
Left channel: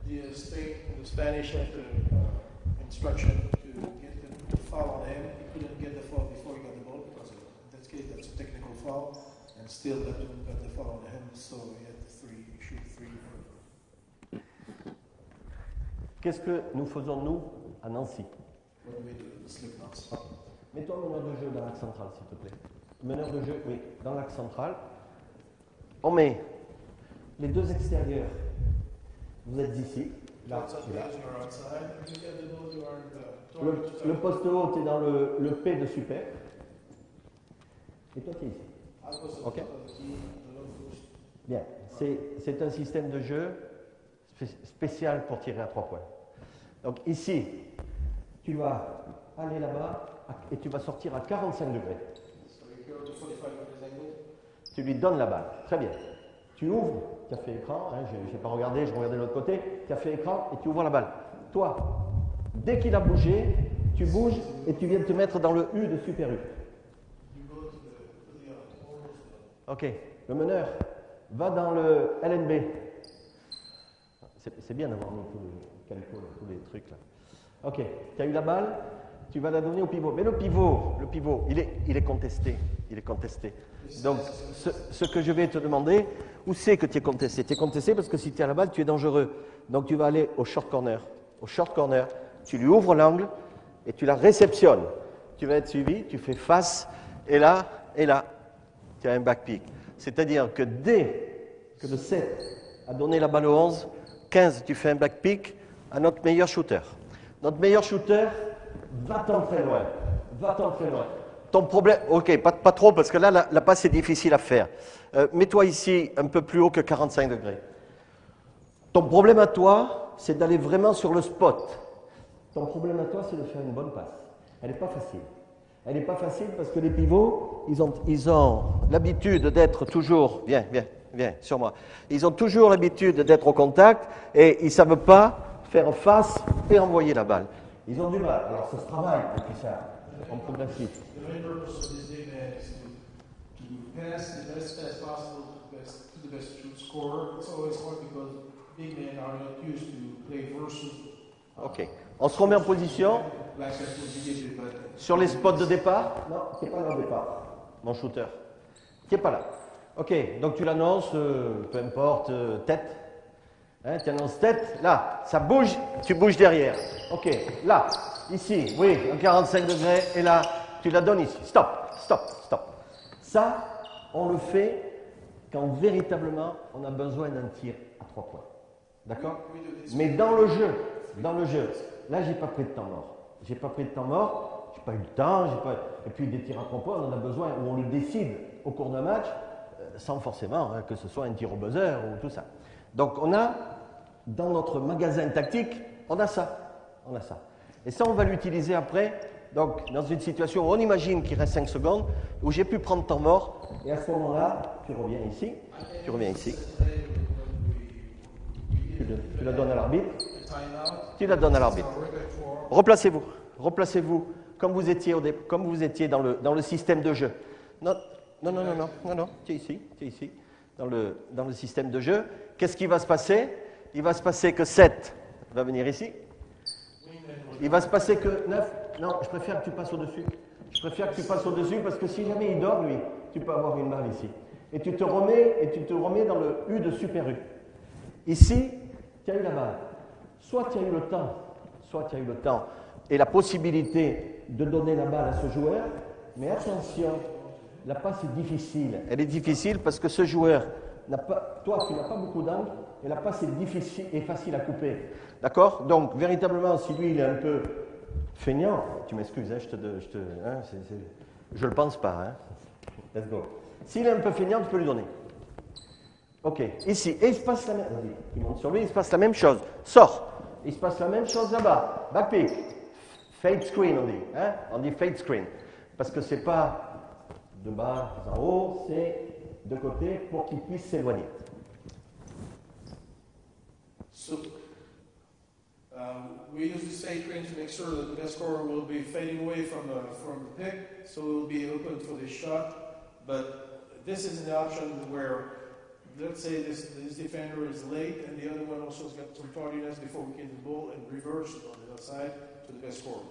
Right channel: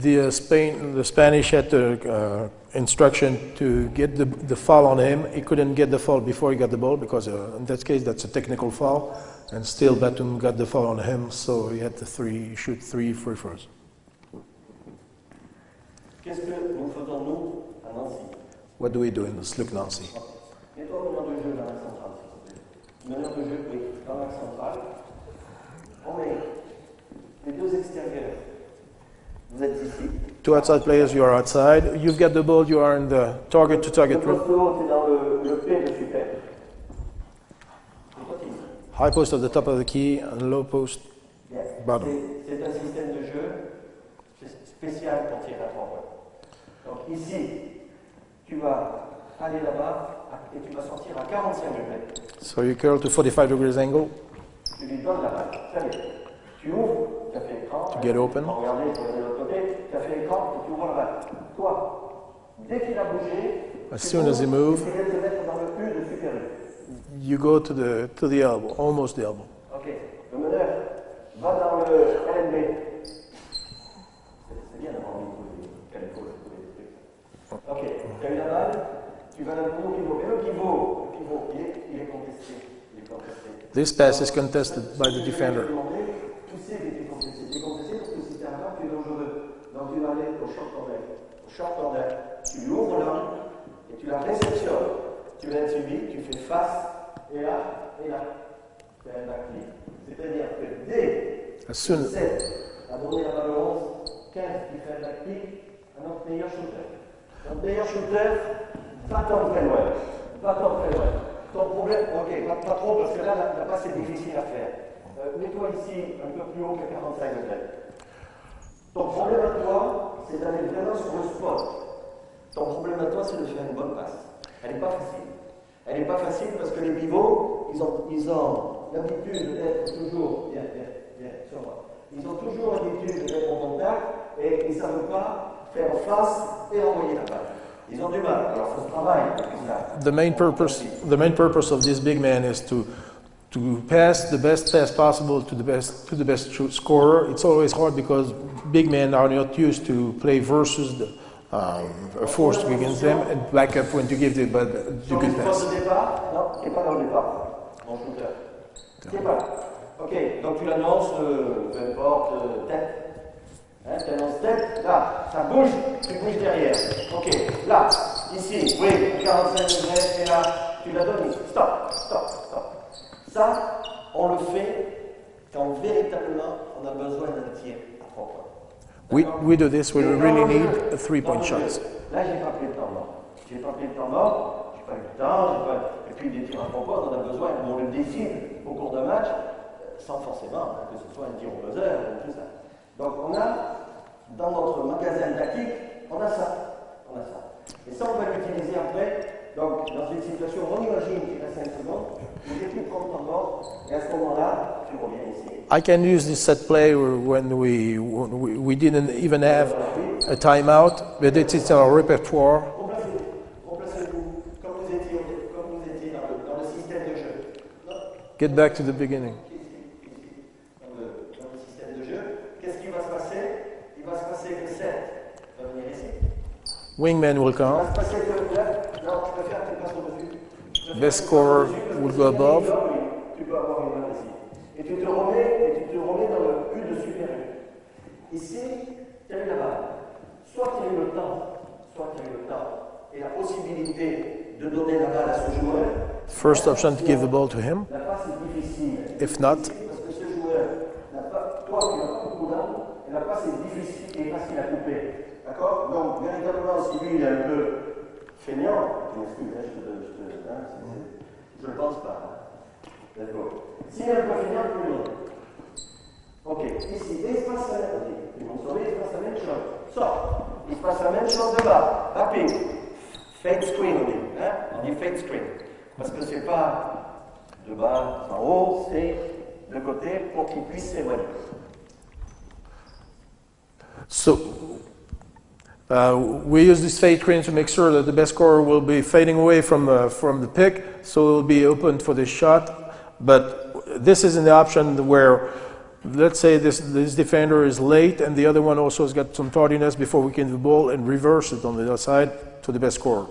The Spanish had the instruction to get the foul on him. He couldn't get the foul before he got the ball because in that case that's a technical foul. And still Batum got the foul on him, so he had to shoot 3 free throws. Qu'est-ce que nous faisons nous à Nancy? What do we do in Slough, Nancy? Mettons le meneur de jeu dans l'axe central, s'il te plaît. Meneur de jeu, oui, dans l'axe central. On met les 2 extérieurs. Vous êtes ici. 2 outside players, you are outside. You've got the ball, you are in the target-to-target. Le poste haut, tu es dans le P de super. C'est toi qui es ici. High post at the top of the key and low post Bien. bottom. C'est un système de jeu spécial pour tirer à 3 points. Donc ici, tu vas aller là-bas et tu vas sortir à 45 degrés. So you curl to 45 degrees angle. Tu lui donnes la balle. Très bien. Tu ouvres, tu as fait l'écran. To get open. Regardez, je vois de l'autre côté. Tu as fait l'écran et tu ouvres la balle. Toi, dès qu'il a bougé, As soon as he moved, tu viens te mettre dans le U de super U. you go to the elbow, almost the elbow. Ok. Le meneur va dans le LNB. C'est bien d'avoir tous les trucs là. Ok. Tu as eu la balle. Tu vas la donner au pivot. Mais le pivot, il est contesté. This pass is contested Ce by que the je vais te defender. demander, où c'est que tu es contesté? Tu es contesté parce que si tu as la balle, tu es dangereux. Donc tu vas aller au short corner. Au short corner, tu lui ouvres l'angle et tu la réceptionnes. Tu vas être suivi, tu fais face, et là, tu as un back pick. C'est-à-dire que dès que tu sais à donner la balle au 11, 15, tu fais un back pick à notre meilleur shooter. Notre meilleur shooter, va-t'en très loin. Ton problème, ok, pas trop, parce que là, la passe est difficile à faire. Mets-toi ici un peu plus haut que 45 degrés. Ton problème à toi, c'est d'aller vraiment sur le spot. Ton problème à toi, c'est de faire une bonne passe. Elle n'est pas facile. Elle n'est pas facile parce que les pivots, ils ont l'habitude d'être toujours... Viens, sur moi. Ils ont toujours l'habitude d'être au contact et ils ne savent pas faire face et envoyer la balle. Ils ont du mal. Alors ça se travaille. The main purpose of this big man is to pass the best pass possible to the best scorer. It's always hard because big men are not used to play versus the force against them and back up when to give the ball. Sur les spots de départ, non, qui n'est pas dans le départ, mon shooter. Qui n'est pas là. Ok, donc tu l'annonces, peu importe, tête. Hein, tu annonces tête, là, ça bouge, tu bouges derrière. Ok, là, ici, oui, 45 degrés, et là, tu la donnes ici. Stop. Ça, on le fait quand véritablement on a besoin d'un tir à 3 points. We do this when we really need a 3-point shot. Là, j'ai pas pris le temps mort. J'ai pas eu le temps, et puis des tirs à 3 points, on en a besoin, on le décide au cours d'un match, sans forcément que ce soit un tir au buzzer ou tout ça. Donc on a, dans notre magasin tactique, on a ça. Et ça, on va l'utiliser après, donc dans une situation où on imagine qu'il reste 5 secondes, où j'ai pu prendre temps mort, et à ce moment-là, tu reviens ici. I can use this set play when we didn't even have a timeout, but it's in our repertoire. Replacez-vous comme vous étiez dans le système de jeu. Get back to the beginning. Tu es ici, dans le système de jeu. Qu'est-ce qui va se passer? Il va se passer que 7 va venir ici. Wingman will Il va come. se passer que 9, non, je préfère que tu passes au-dessus. Best scorer will go above. Oui, tu peux avoir une balle ici. Et tu te remets dans le U de Super U. Ici, tu as eu la balle. Soit tu as eu le temps, et la possibilité de donner la balle à ce joueur. First option to give the ball to him. La passe est difficile. Elle est If difficile parce que ce joueur n'a pas, toi tu n'as pas beaucoup d'angle, mais la passe est difficile et facile à couper. D'accord? Donc véritablement, si lui il est un peu feignant, tu m'excuses, je le pense pas. Hein. Let's go. S'il est un peu feignant, tu peux lui donner. Ok, ici, et il se passe il se passe la même chose. Sors. Il se passe la même chose là-bas. Backpick. Fade screen, on dit. Hein? On dit fade screen. Parce que c'est pas de bas en haut, c'est de côté pour qu'il puisse s'éloigner. So we use this fade screen to make sure that the best scorer will be fading away from the pick, so it will be open for the shot. But this is an option where, let's say this defender is late and the other one also has got some tardiness before we can do the ball and reverse it on the other side to the best scorer.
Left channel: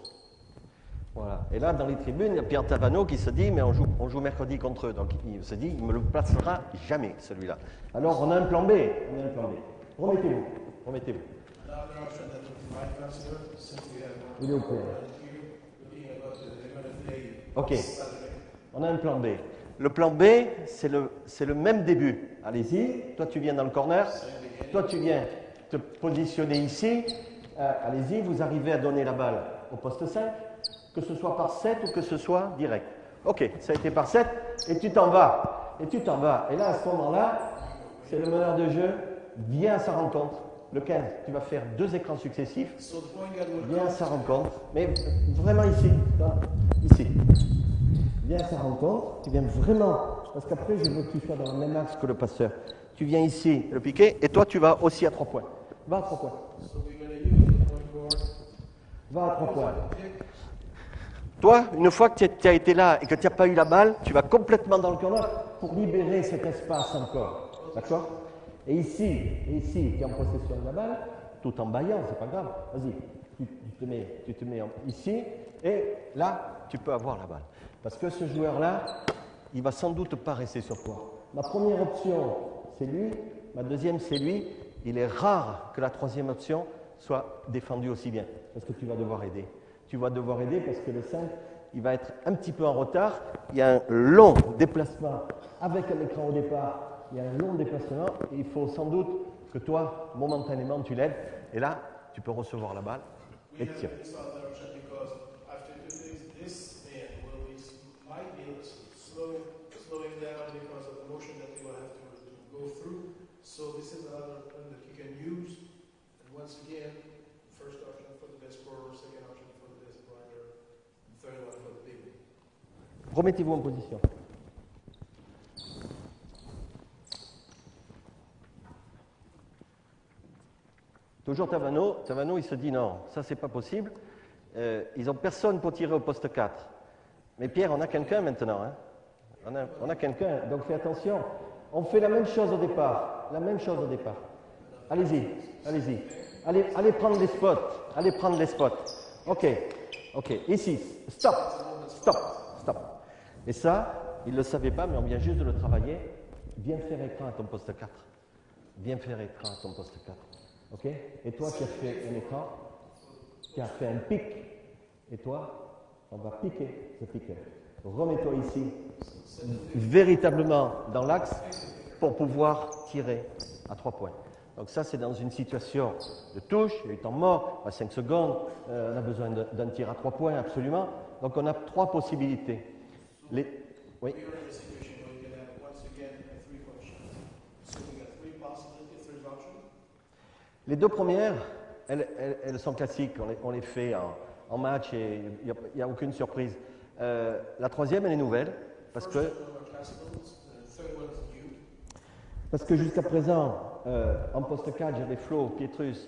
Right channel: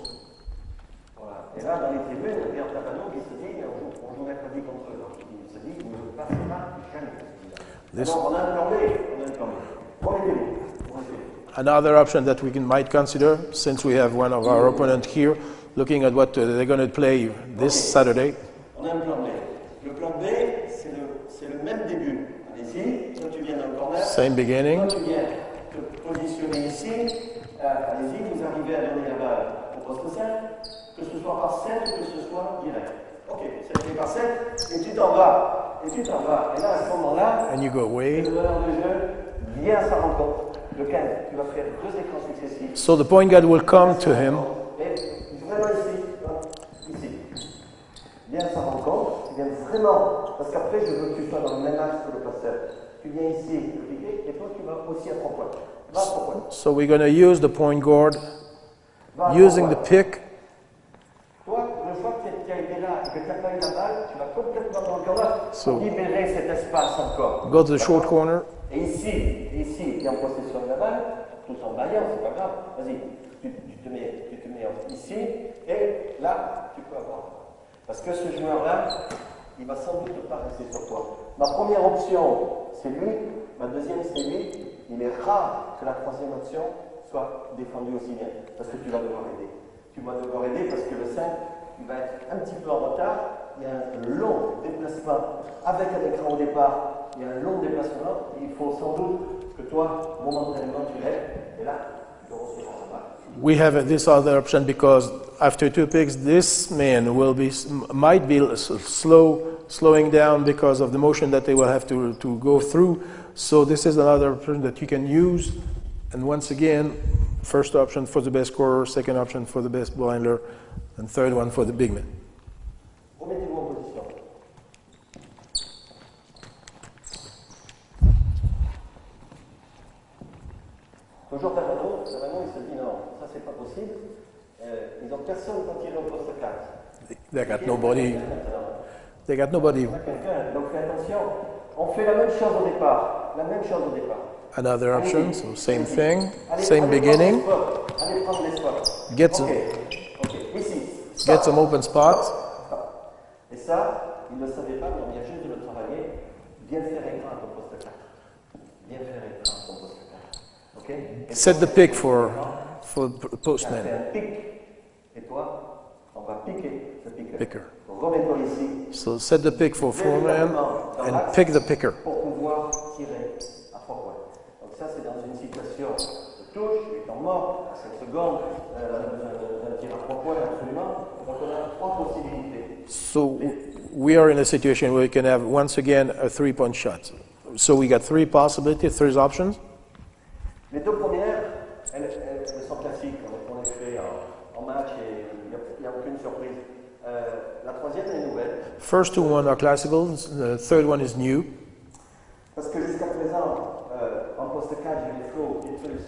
Voilà. Et là, dans les tribunes, il y a Pierre Tavano qui se dit, mais on joue mercredi contre eux. Donc il se dit, il ne me le placera jamais, celui-là. Alors, on a un plan B. Remettez-vous. Another option that we might consider, since we have one of our opponents here, looking at what they're going to play this Saturday. On a un plan B. Le plan B, c'est le même début. Allez-y, toi tu viens dans le corner. Same beginning. Toi tu viens te positionner ici. Allez-y, vous arrivez à donner la balle au poste 5, que ce soit par 7 ou que ce soit direct. Ok, ça a été par 7, et tu t'en vas. Et là, à ce moment-là, And you go away. le meneur de jeu vient à sa rencontre. Le 15, tu vas faire 2 écrans successifs. So the point guard will come to him. Mais vraiment ici. Ici. Viens à sa rencontre. Tu viens vraiment. Parce qu'après, je veux que tu sois dans le même axe que le passeur. Tu viens ici, le piquer, et toi, tu vas aussi à 3 points. Va à 3 points. So we're going to use the point guard, using the pick. Toi, une fois que tu as été là et que tu n'as pas eu la balle, tu vas complètement dans le corner pour libérer cet espace encore. Go to the short corner. Et ici, et en possession de la balle, tout en balayant, c'est pas grave. Vas-y, tu te mets ici, et là, tu peux avoir la balle. Parce que ce joueur-là, il va sans doute pas rester sur toi. Ma première option, c'est lui. Ma deuxième, c'est lui. Il est rare que la troisième option soit défendue aussi bien. Parce que tu vas devoir aider. Tu vas devoir aider parce que le 5, il va être un petit peu en retard. Il y a un long déplacement avec un écran au départ. Il y a un long déplacement. Il faut sans doute que toi, momentanément, tu l'aides. Et là, tu peux recevoir la balle. We have this other option because after 2 picks, this man might be slow slowing down because of the motion that they will have to go through. So this is another option that you can use. And once again, first option for the best scorer, second option for the best blinder, and third one for the big man. Remettez-vous en position. Toujours Tavano, il se dit non, ça c'est pas possible. Ils n'ont personne pour tirer au poste 4. They got Pierre, on a nobody. quelqu'un maintenant. Hein. They got nobody. On a quelqu'un, donc fais attention. On fait la même chose au départ. La même chose au départ. Another option, so same Allez-y. thing, Allez, same allez beginning. Allez prendre les spots. Get, Ok, ici. Stop. get some open spots. Stop. Et ça, ils ne le savaient pas, mais on vient juste de le travailler. Viens faire écran à ton poste 4. Viens faire écran à ton poste 4. Ok. Et Set the pick for c'est postman un pic. Et toi, on va piquer le piqueur. picker. Remets-toi ici. So set the pick for foreman Véritablement dans and l'axe pick the picker. pour pouvoir tirer à 3 points. Donc ça, c'est dans une situation de touche, il est en mort, à 5 secondes, on a besoin d'un tir à 3 points absolument. Donc on a 3 possibilités. So we are in a situation where we can have once again a 3-point shot. So we got 3 possibilities, 3 options. Les 2 premières, elles sont classiques, on les fait en match et il n'y a aucune surprise. La troisième, elle est nouvelle. First 2 are classical, the third one is new. Parce que jusqu'à présent, en poste 4, j'avais Flo Pietrus,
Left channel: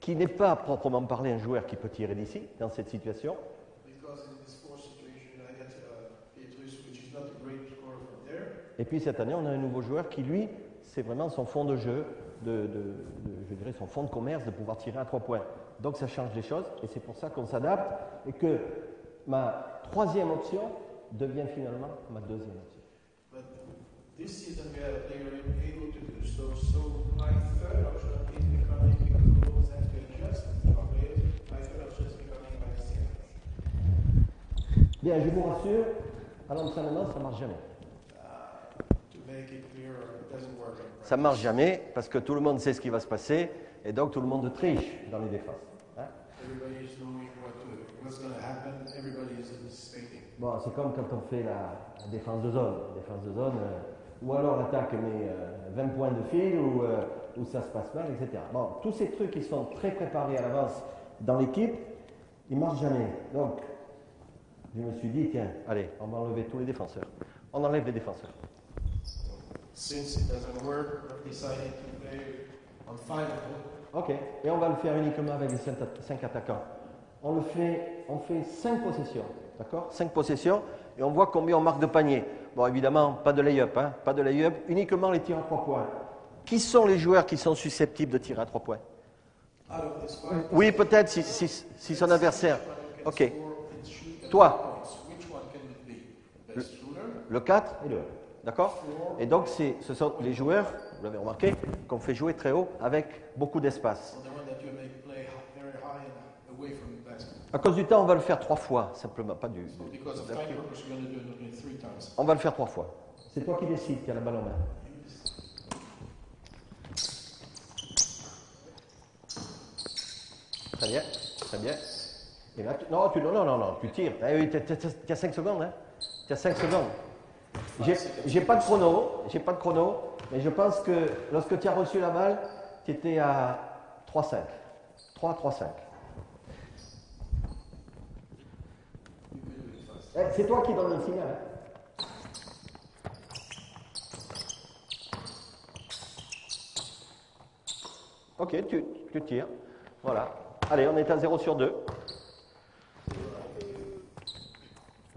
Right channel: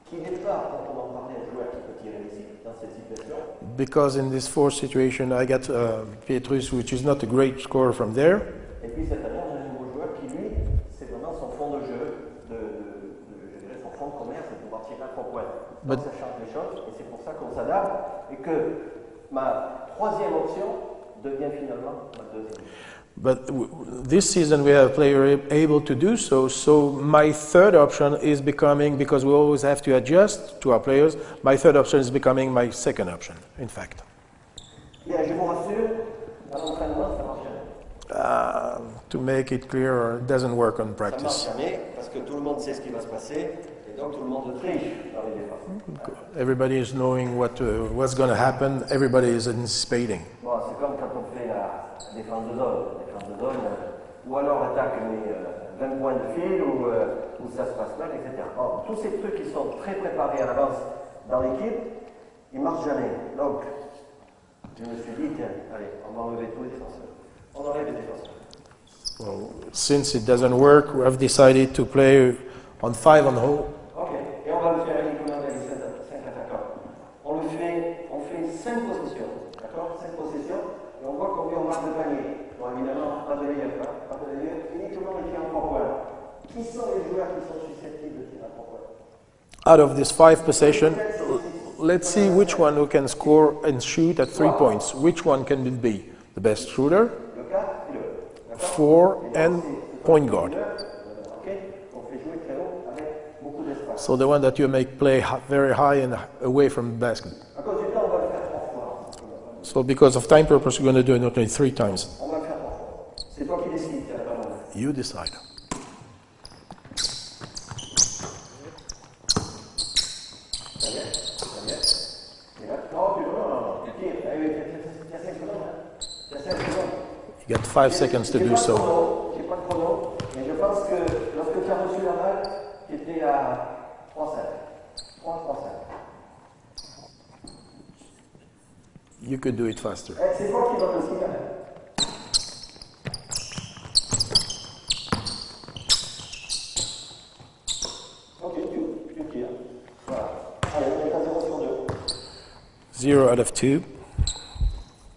qui n'est pas proprement parlé un joueur qui peut tirer d'ici, dans cette situation. Because in this fourth situation, I got Pietrus, which is not a great scorer from there. Et puis cette année, on a un nouveau joueur qui, lui, c'est vraiment son fond de jeu, je dirais son fond de commerce de pouvoir tirer à 3 points. Donc ça change des choses, et c'est pour ça qu'on s'adapte, et que ma troisième option devient finalement ma deuxième. But this season we have a player able to do so. So my third option is becoming, because we always have to adjust to our players, my third option is becoming my second option, in fact. Bien, je vous rassure, à l'entraînement, ça marche jamais. To make it clear, it doesn't work on Ça marche practice. jamais, parce que tout le monde sait ce qui va se passer, et donc tout le monde triche dans les défenses. Everybody is knowing what's going to happen. Everybody is anticipating. Bon, c'est comme quand on fait la défense de zone. La défense de zone, ou alors on attaque les 20 points de fil, ou ça se passe mal, etc. Bon, tous ces trucs qui sont très préparés à l'avance dans l'équipe, ils ne marchent jamais. Donc, je me suis dit, tiens, allez, on va enlever tous les défenseurs. On enlève les défenseurs. Since it doesn't work, we have decided to play on 5 on hole. Ok, et on va le faire uniquement avec les 5 attaquants. On fait 5 possessions, d'accord? 5 possessions, et on voit combien on marque de panier. Bon, évidemment, pas de lay-up, hein? Pas de lay-up, uniquement les tirs à 3 points. Qui sont les joueurs qui sont susceptibles de tirer à 3 points? Out of this 5 possessions, peut-être si let's son see which adversaire- one who can Ok. score and shoot at 3 Soit. points. Which one can it be? The best shooter, Le 4 et le 1, d'accord? Four Et donc, and ce sont point des guard. joueurs, vous l'avez remarqué, qu'on fait jouer très haut avec beaucoup d'espace. so the one that you make play very high and away from the basket. À cause du temps, on va le faire 3 fois, simplement, pas du. So because of time purpose, we're going to do it only 3 times. On va le faire 3 fois. C'est toi qui décides, qui a le ballon. You decide. Très bien, très bien. Et là, non, tu tires. Tu as 5 secondes, hein. Tu as 5 secondes. You got 5 seconds to J'ai do pas de so. chrono, j'ai pas de chrono, et je pense que lorsque tu as reçu la balle, tu étais à 3-5. 3-3-5. You could do it faster. C'est toi qui donnes le signal. Ok, tu tires. Voilà. Allez, on est à 0 sur 2. 0 out of 2.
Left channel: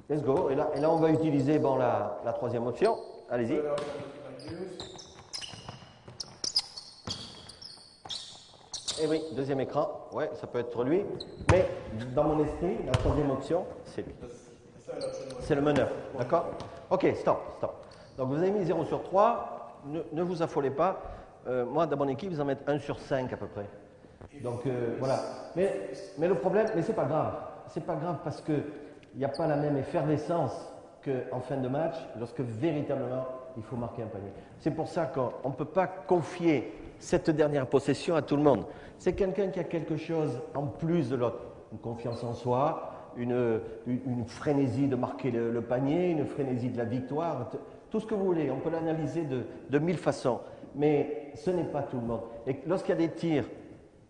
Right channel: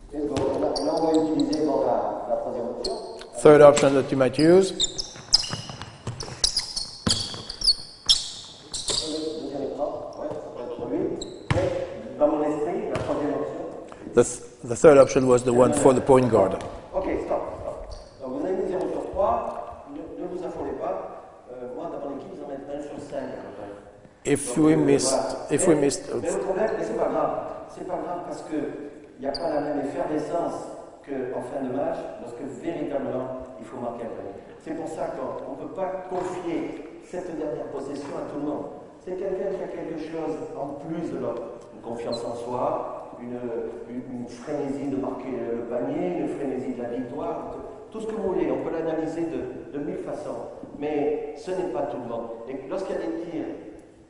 Let's go. Et là, on va utiliser bon, la troisième option. Allez. Third option that you might use. Et oui, deuxième écran. Ouais, ça peut être lui. Mais dans mon esprit, la troisième option, c'est. The third option was the one for the point guard. Ok, stop. Donc vous avez mis 0 sur 3. Ne vous affolez pas. Moi, dans mon équipe, vous en mettez 1 sur 5 à peu près. If Donc, we missed, voilà. if we missed, Mais le problème, mais c'est pas grave. C'est pas grave parce que il n'y a pas la même effervescence qu'en fin de match lorsque véritablement il faut marquer un panier. C'est pour ça qu'on ne peut pas confier cette dernière possession à tout le monde. C'est quelqu'un qui a quelque chose en plus de l'autre. Une confiance en soi, une frénésie de marquer le panier, une frénésie de la victoire, tout ce que vous voulez. On peut l'analyser de mille façons, mais ce n'est pas tout le monde. Et lorsqu'il y a des tirs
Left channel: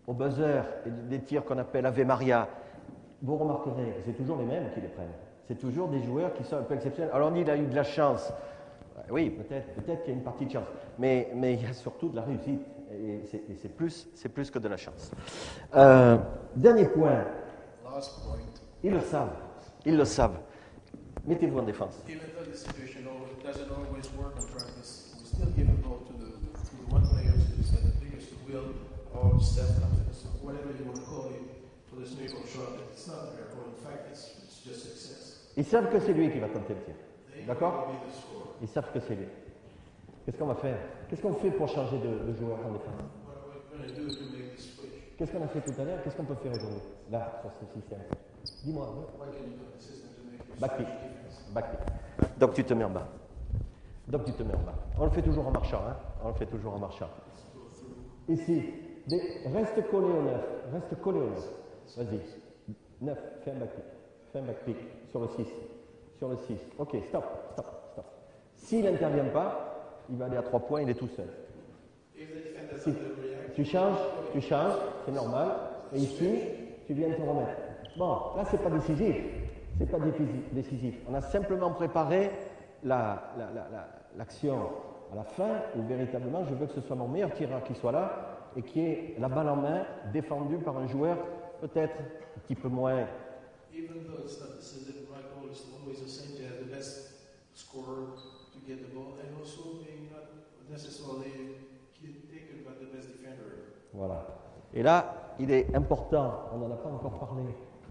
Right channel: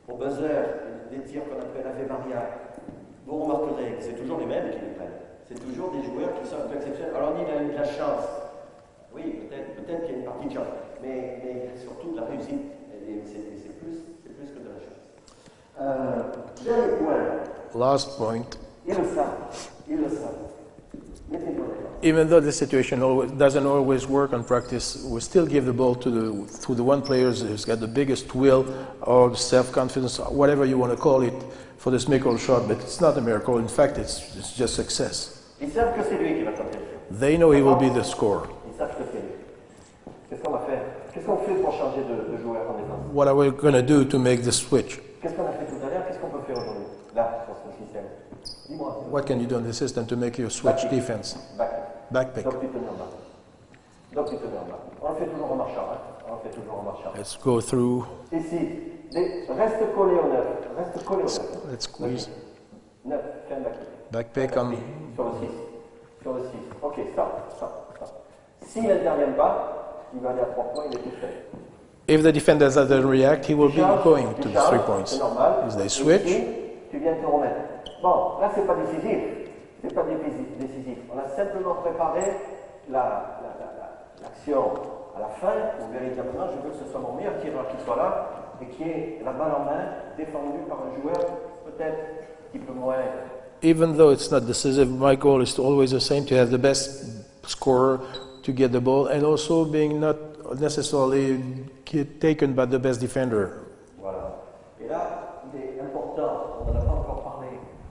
au buzzer, des tirs qu'on appelle Ave Maria, vous remarquerez que c'est toujours les mêmes qui les prennent. C'est toujours des joueurs qui sont un peu exceptionnels. Alors on dit qu'il a eu de la chance. Oui, peut-être qu'il y a une partie de chance, mais il y a surtout de la réussite. C'est plus que de la chance. Dernier point. Last point. Ils le savent. Ils le savent. Mettez-vous en défense. Even though the situation doesn't always work on practice, we still give the ball to the one player who's got the biggest will or self-confidence, whatever you want to call it, for this miracle shot. But it's not a miracle. In fact, it's just success. Ils savent que c'est lui qui va compter. They know he will be the scorer. Ils savent que c'est lui. Qu'est-ce qu'on va faire? Qu'est-ce qu'on fait pour changer de joueur en défense? What are we going to do to make the switch? Qu'est-ce qu'on fait tout à l'heure? Qu'est-ce qu'on peut faire aujourd'hui? Là, sur ce système. Dis-moi. What can you do in the system to make your switch defense? Back pick. Donc tu te mets en bas. Donc tu te mets en bas. On le fait toujours en marchant. Hein? On le fait toujours en marchant. Let's go through. Ici. Reste collé au 9. Reste collé au 9. Let's squeeze. 9. Fais un Back pick on. Sur le 6. Sur le 6. Ok, stop. S'il n'intervient pas, il va aller à 3 points, il est tout fait. If the defender doesn't react, he will be going to the 3 points. If they switch. Tu viens te remettre. Bon, là, c'est pas décisif. C'est pas décisif. On a simplement préparé l'action à la fin où véritablement je veux que ce soit mon meilleur tireur qui soit là et qui ait la balle en main défendue par un joueur peut-être un petit peu moins. Even though it's not decisive, my goal is always the same: to have the best scorer to get the ball, and also being not necessarily taken by the best defender. Voilà. Et là, il est important, on n'en a pas encore parlé,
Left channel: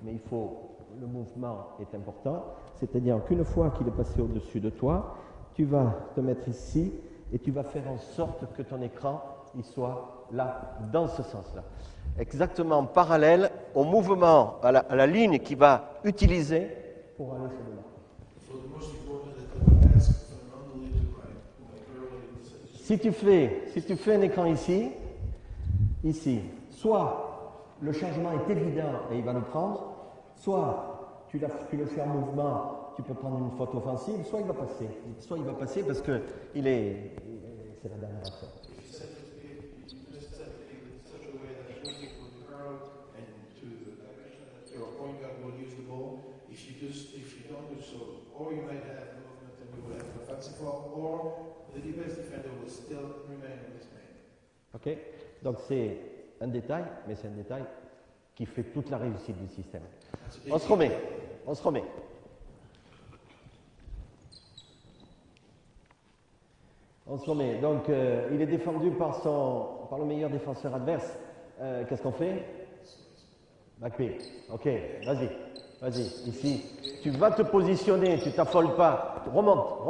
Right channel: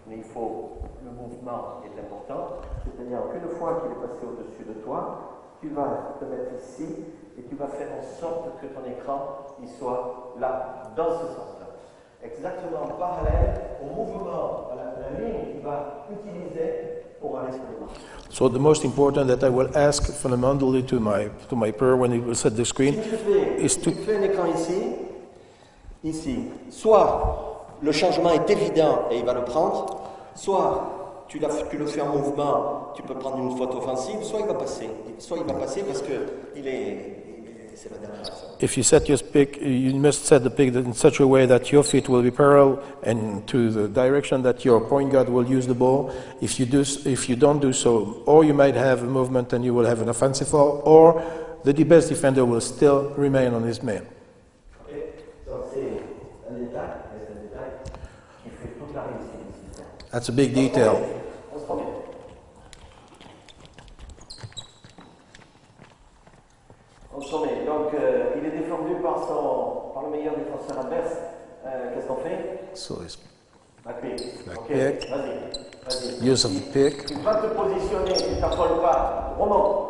mais le mouvement est important. C'est-à-dire qu'une fois qu'il est passé au-dessus de toi, tu vas te mettre ici et tu vas faire en sorte que ton écran il soit là, dans ce sens-là. Exactement parallèle au mouvement, à la ligne qu'il va utiliser pour aller sur les marches. So the most important that I will ask fundamentally to my player when he will set the screen Si tu fais un écran ici, soit le changement est évident et il va le prendre, soit tu le fais en mouvement, tu peux prendre une faute offensive, soit il va passer parce que c'est la dernière action. If you set your pick, you must set the pick in such a way that your feet will be parallel and to the direction that your point guard will use the ball. If you don't do so, or you might have a movement and you will have an offensive foul, or the best defender will still remain on his man. Ok, donc c'est un détail, mais c'est un détail qui fait toute la réussite du système. That's a big detail. On se remet. Donc, il est défendu par le meilleur défenseur adverse. Qu'est-ce qu'on fait? So it's Back pick. back Ok, pick. vas-y. Use of the pick. Tu vas te positionner, tu ne t'affole pas. Remonte.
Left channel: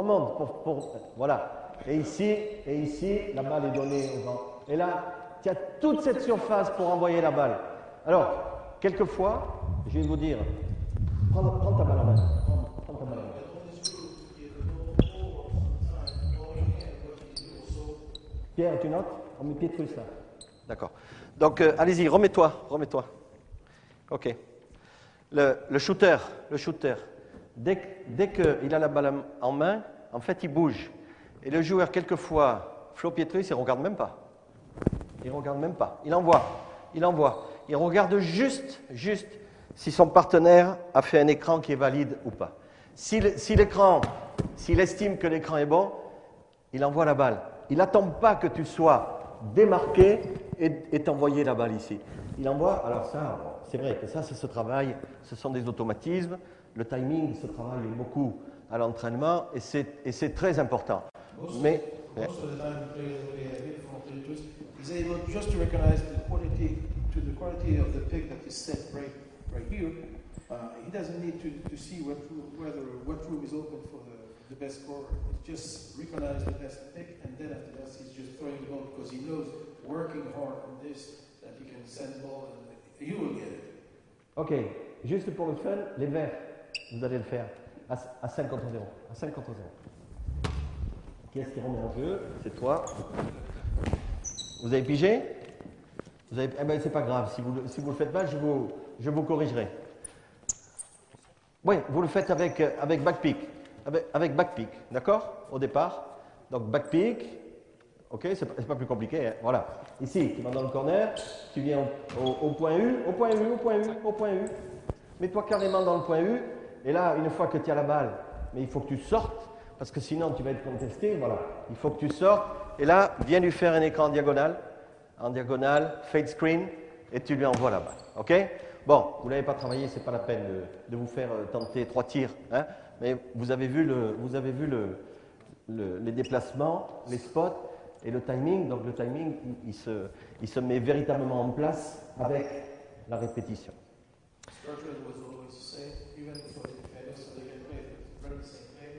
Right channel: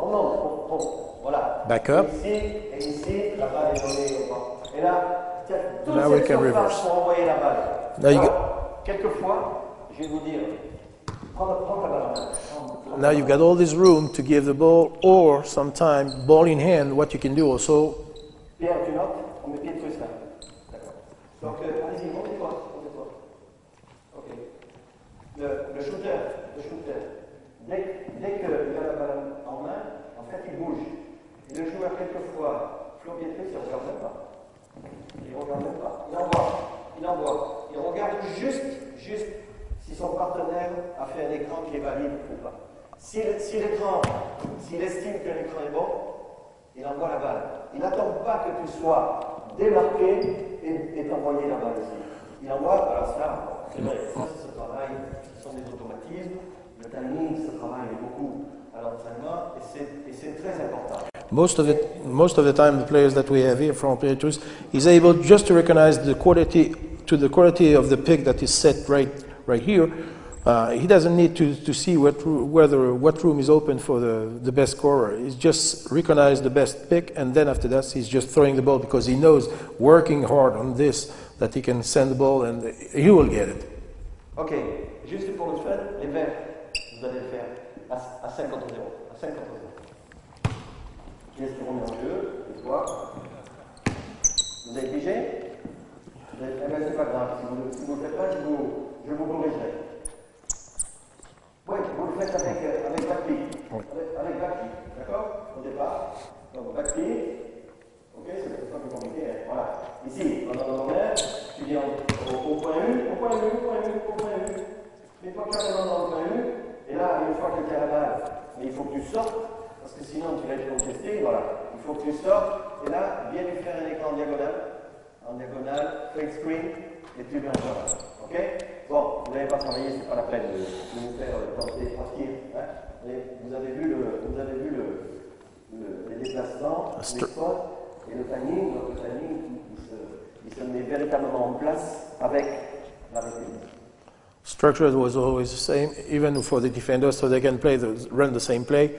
Voilà. Back up. Ici, la balle est donnée au banc. Et là, tu as toute Now we cette can surface reverse. pour envoyer la balle. Now you Alors, quelquefois, je vais vous dire, prends la balle. Now you've got all this room to give the ball, or sometime ball in hand. What you can do also. Pierre, tu notes? Vous mettez tout ça. D'accord. Donc, allez-y, remets-toi. Ok. Le shooter. Dès qu'il a la balle en main, en fait, il bouge. Et le joueur, quelquefois, Flo Pietruis, il ne regarde même pas. Il envoie. Il regarde juste si son partenaire a fait un écran qui est valide ou pas. S'il estime que l'écran est bon, il envoie la balle. Il n'attend pas que tu sois démarqué et t'envoyer la balle ici. Il envoie, alors ça, c'est vrai, ça se travaille, ce sont des automatismes. Le timing se travaille beaucoup à l'entraînement et c'est très important. Most of the time, the players that we have here from Pietrus is able just to recognize the quality of the pick that is set right here. He doesn't need to see what room is open for the best scorer. He's just recognize the best pick, and then after that, he's just throwing the ball because he knows, working hard on this, that he can send the ball and he will get it. Ok, juste pour le fun, les verts, vous allez le faire à 50-0. Qui est-ce qui remet en jeu? C'est toi. Vous avez pigé? Eh bien, c'est pas grave. Si vous le faites pas, je vous corrigerai. Oui, vous le faites avec backpick. Avec backpick, d'accord? Au départ. Donc backpick. Ok, c'est pas plus compliqué. Hein. Voilà. Ici, dans un corner, tu viens au point U, au point U, au point U, au point U. Mets-toi carrément dans le point U. Et là, une fois que tu as la balle, mais il faut que tu sortes, parce que sinon tu vas être contesté. Voilà. Il faut que tu sortes. Et là, viens lui faire un écran en diagonale, fade screen, et tu lui envoies là. Ok? Bon, vous n'avez pas travaillé, c'est pas la peine de vous faire tenter 3 tirs. Hein? Mais vous avez vu les déplacements, les spots et le timing. Donc le timing, il se met véritablement en place avec la répétition. Structure was always the same, even for the defenders, so they can run the same play.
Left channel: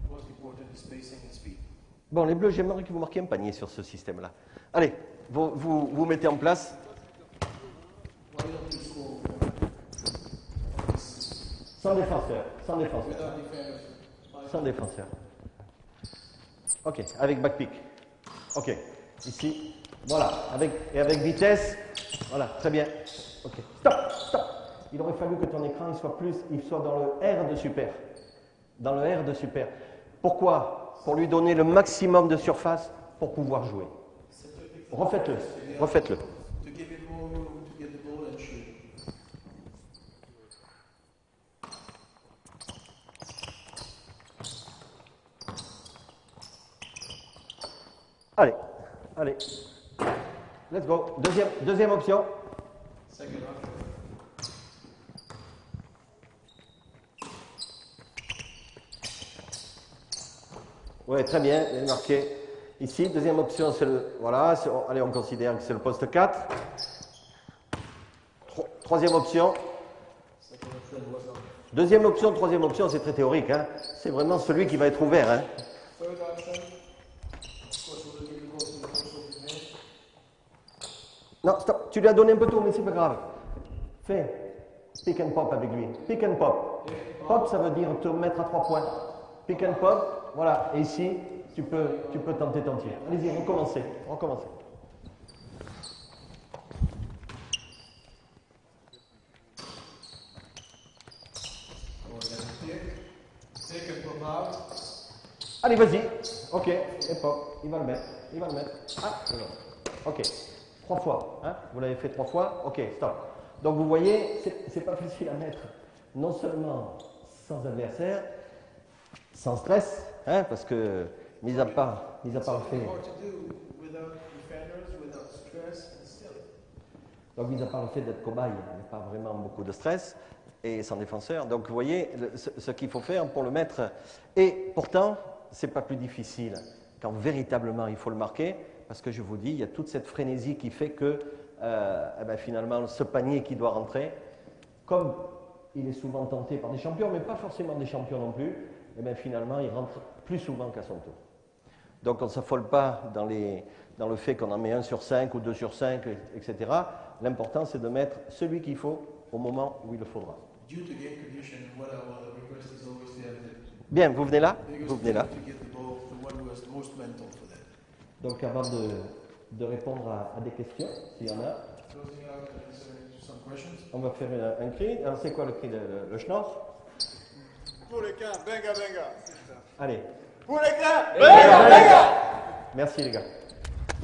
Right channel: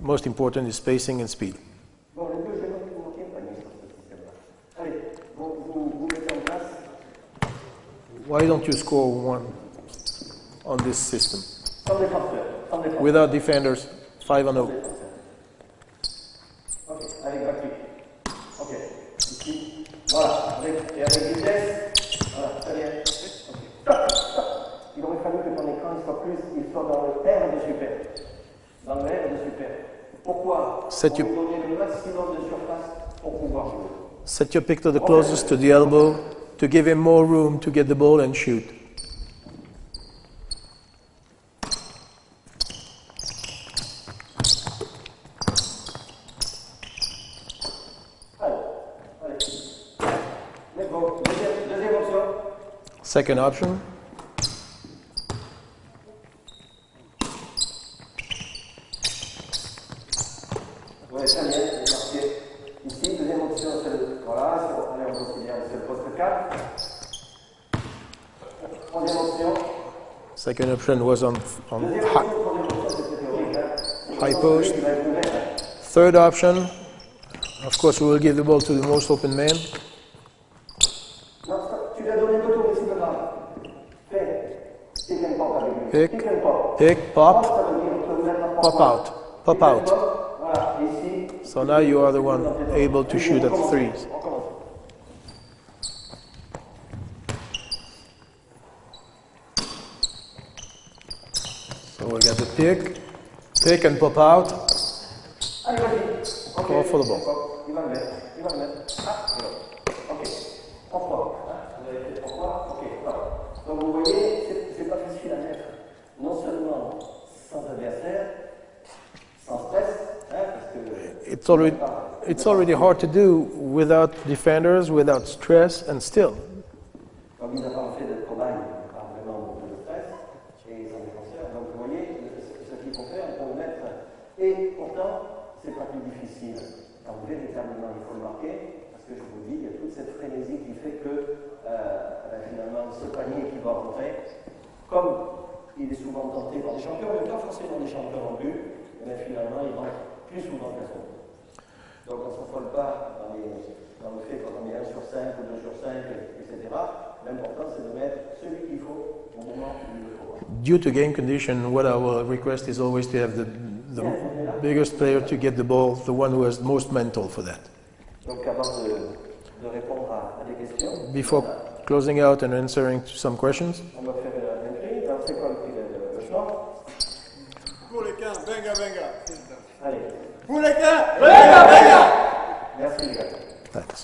Most important is spacing and speed. Bon, les Bleus, j'aimerais que vous marquiez un panier sur ce système-là. Allez, vous mettez en place. Why don't you score one on this system? Sans défenseur, sans défenseur. Without defenders, 5 on Sans 0. défenseur. Ok, avec backpick. Ok, ici. Voilà, avec vitesse. Voilà, très bien. Okay. Stop, stop. Il aurait fallu que ton écran soit dans le R de super. Dans le R de super. Pourquoi? Pour lui donner le maximum de surface pour pouvoir jouer. Set your pick to the closest to the elbow to give him more room to get the ball and shoot. Allez, allez. Let's go. Deuxième option. Second option. Oui, très bien. Marqué ici. Deuxième option, c'est le. Voilà, allez, on considère que c'est le poste 4. Troisième option. Second option was on Deuxième option, troisième option, c'est très théorique. Hein. C'est vraiment celui qui va être ouvert. Hein. Third option, of course, we will give the ball to the most open man. Non, stop. Tu lui as donné un peu tout, mais c'est pas grave. Fais pick and pop avec lui. Pick and pop. Pick, pop, Ça veut dire te mettre à pop out. Pop pick and out. pop. Voilà, et ici. So now you are the one able to shoot at threes. On commence. So we got the pick and pop out. Allez, vas-y. Ok. All for the ball. Il va le mettre. Ah, ok. 3 fois. Hein? Vous l'avez fait 3 fois. Ok, stop. Donc vous voyez, c'est pas facile à mettre. Non seulement sans adversaire, sans stress, hein, parce que it's already hard to do without defenders, without stress, and still. Donc mis à part le fait d'être cobaye, il n'y a pas vraiment beaucoup de stress, et sans défenseur. Donc vous voyez ce qu'il faut faire pour le mettre. Et pourtant, c'est pas plus difficile quand véritablement il faut le marquer, parce que je vous dis, il y a toute cette frénésie qui fait que finalement ce panier qui doit rentrer, comme il est souvent tenté par des champions, mais pas forcément des champions non plus, et bien finalement il rentre plus souvent qu'à son tour. Donc on ne s'affole pas dans le fait qu'on en met 1 sur 5 ou 2 sur 5, etc. L'important c'est de mettre celui qu'il faut au moment où il le faut. Due to game condition, what I will request is always to have the Bien, vous venez là. biggest player to get the ball, the one who has the most mental for that. Donc avant de répondre à des questions, Before closing out and answering to some questions, on va faire un cri. Alors c'est quoi le cri le schnorr? Pour les 15, venga, venga. Allez. Pour les 15, venga, venga. Merci les gars. thanks.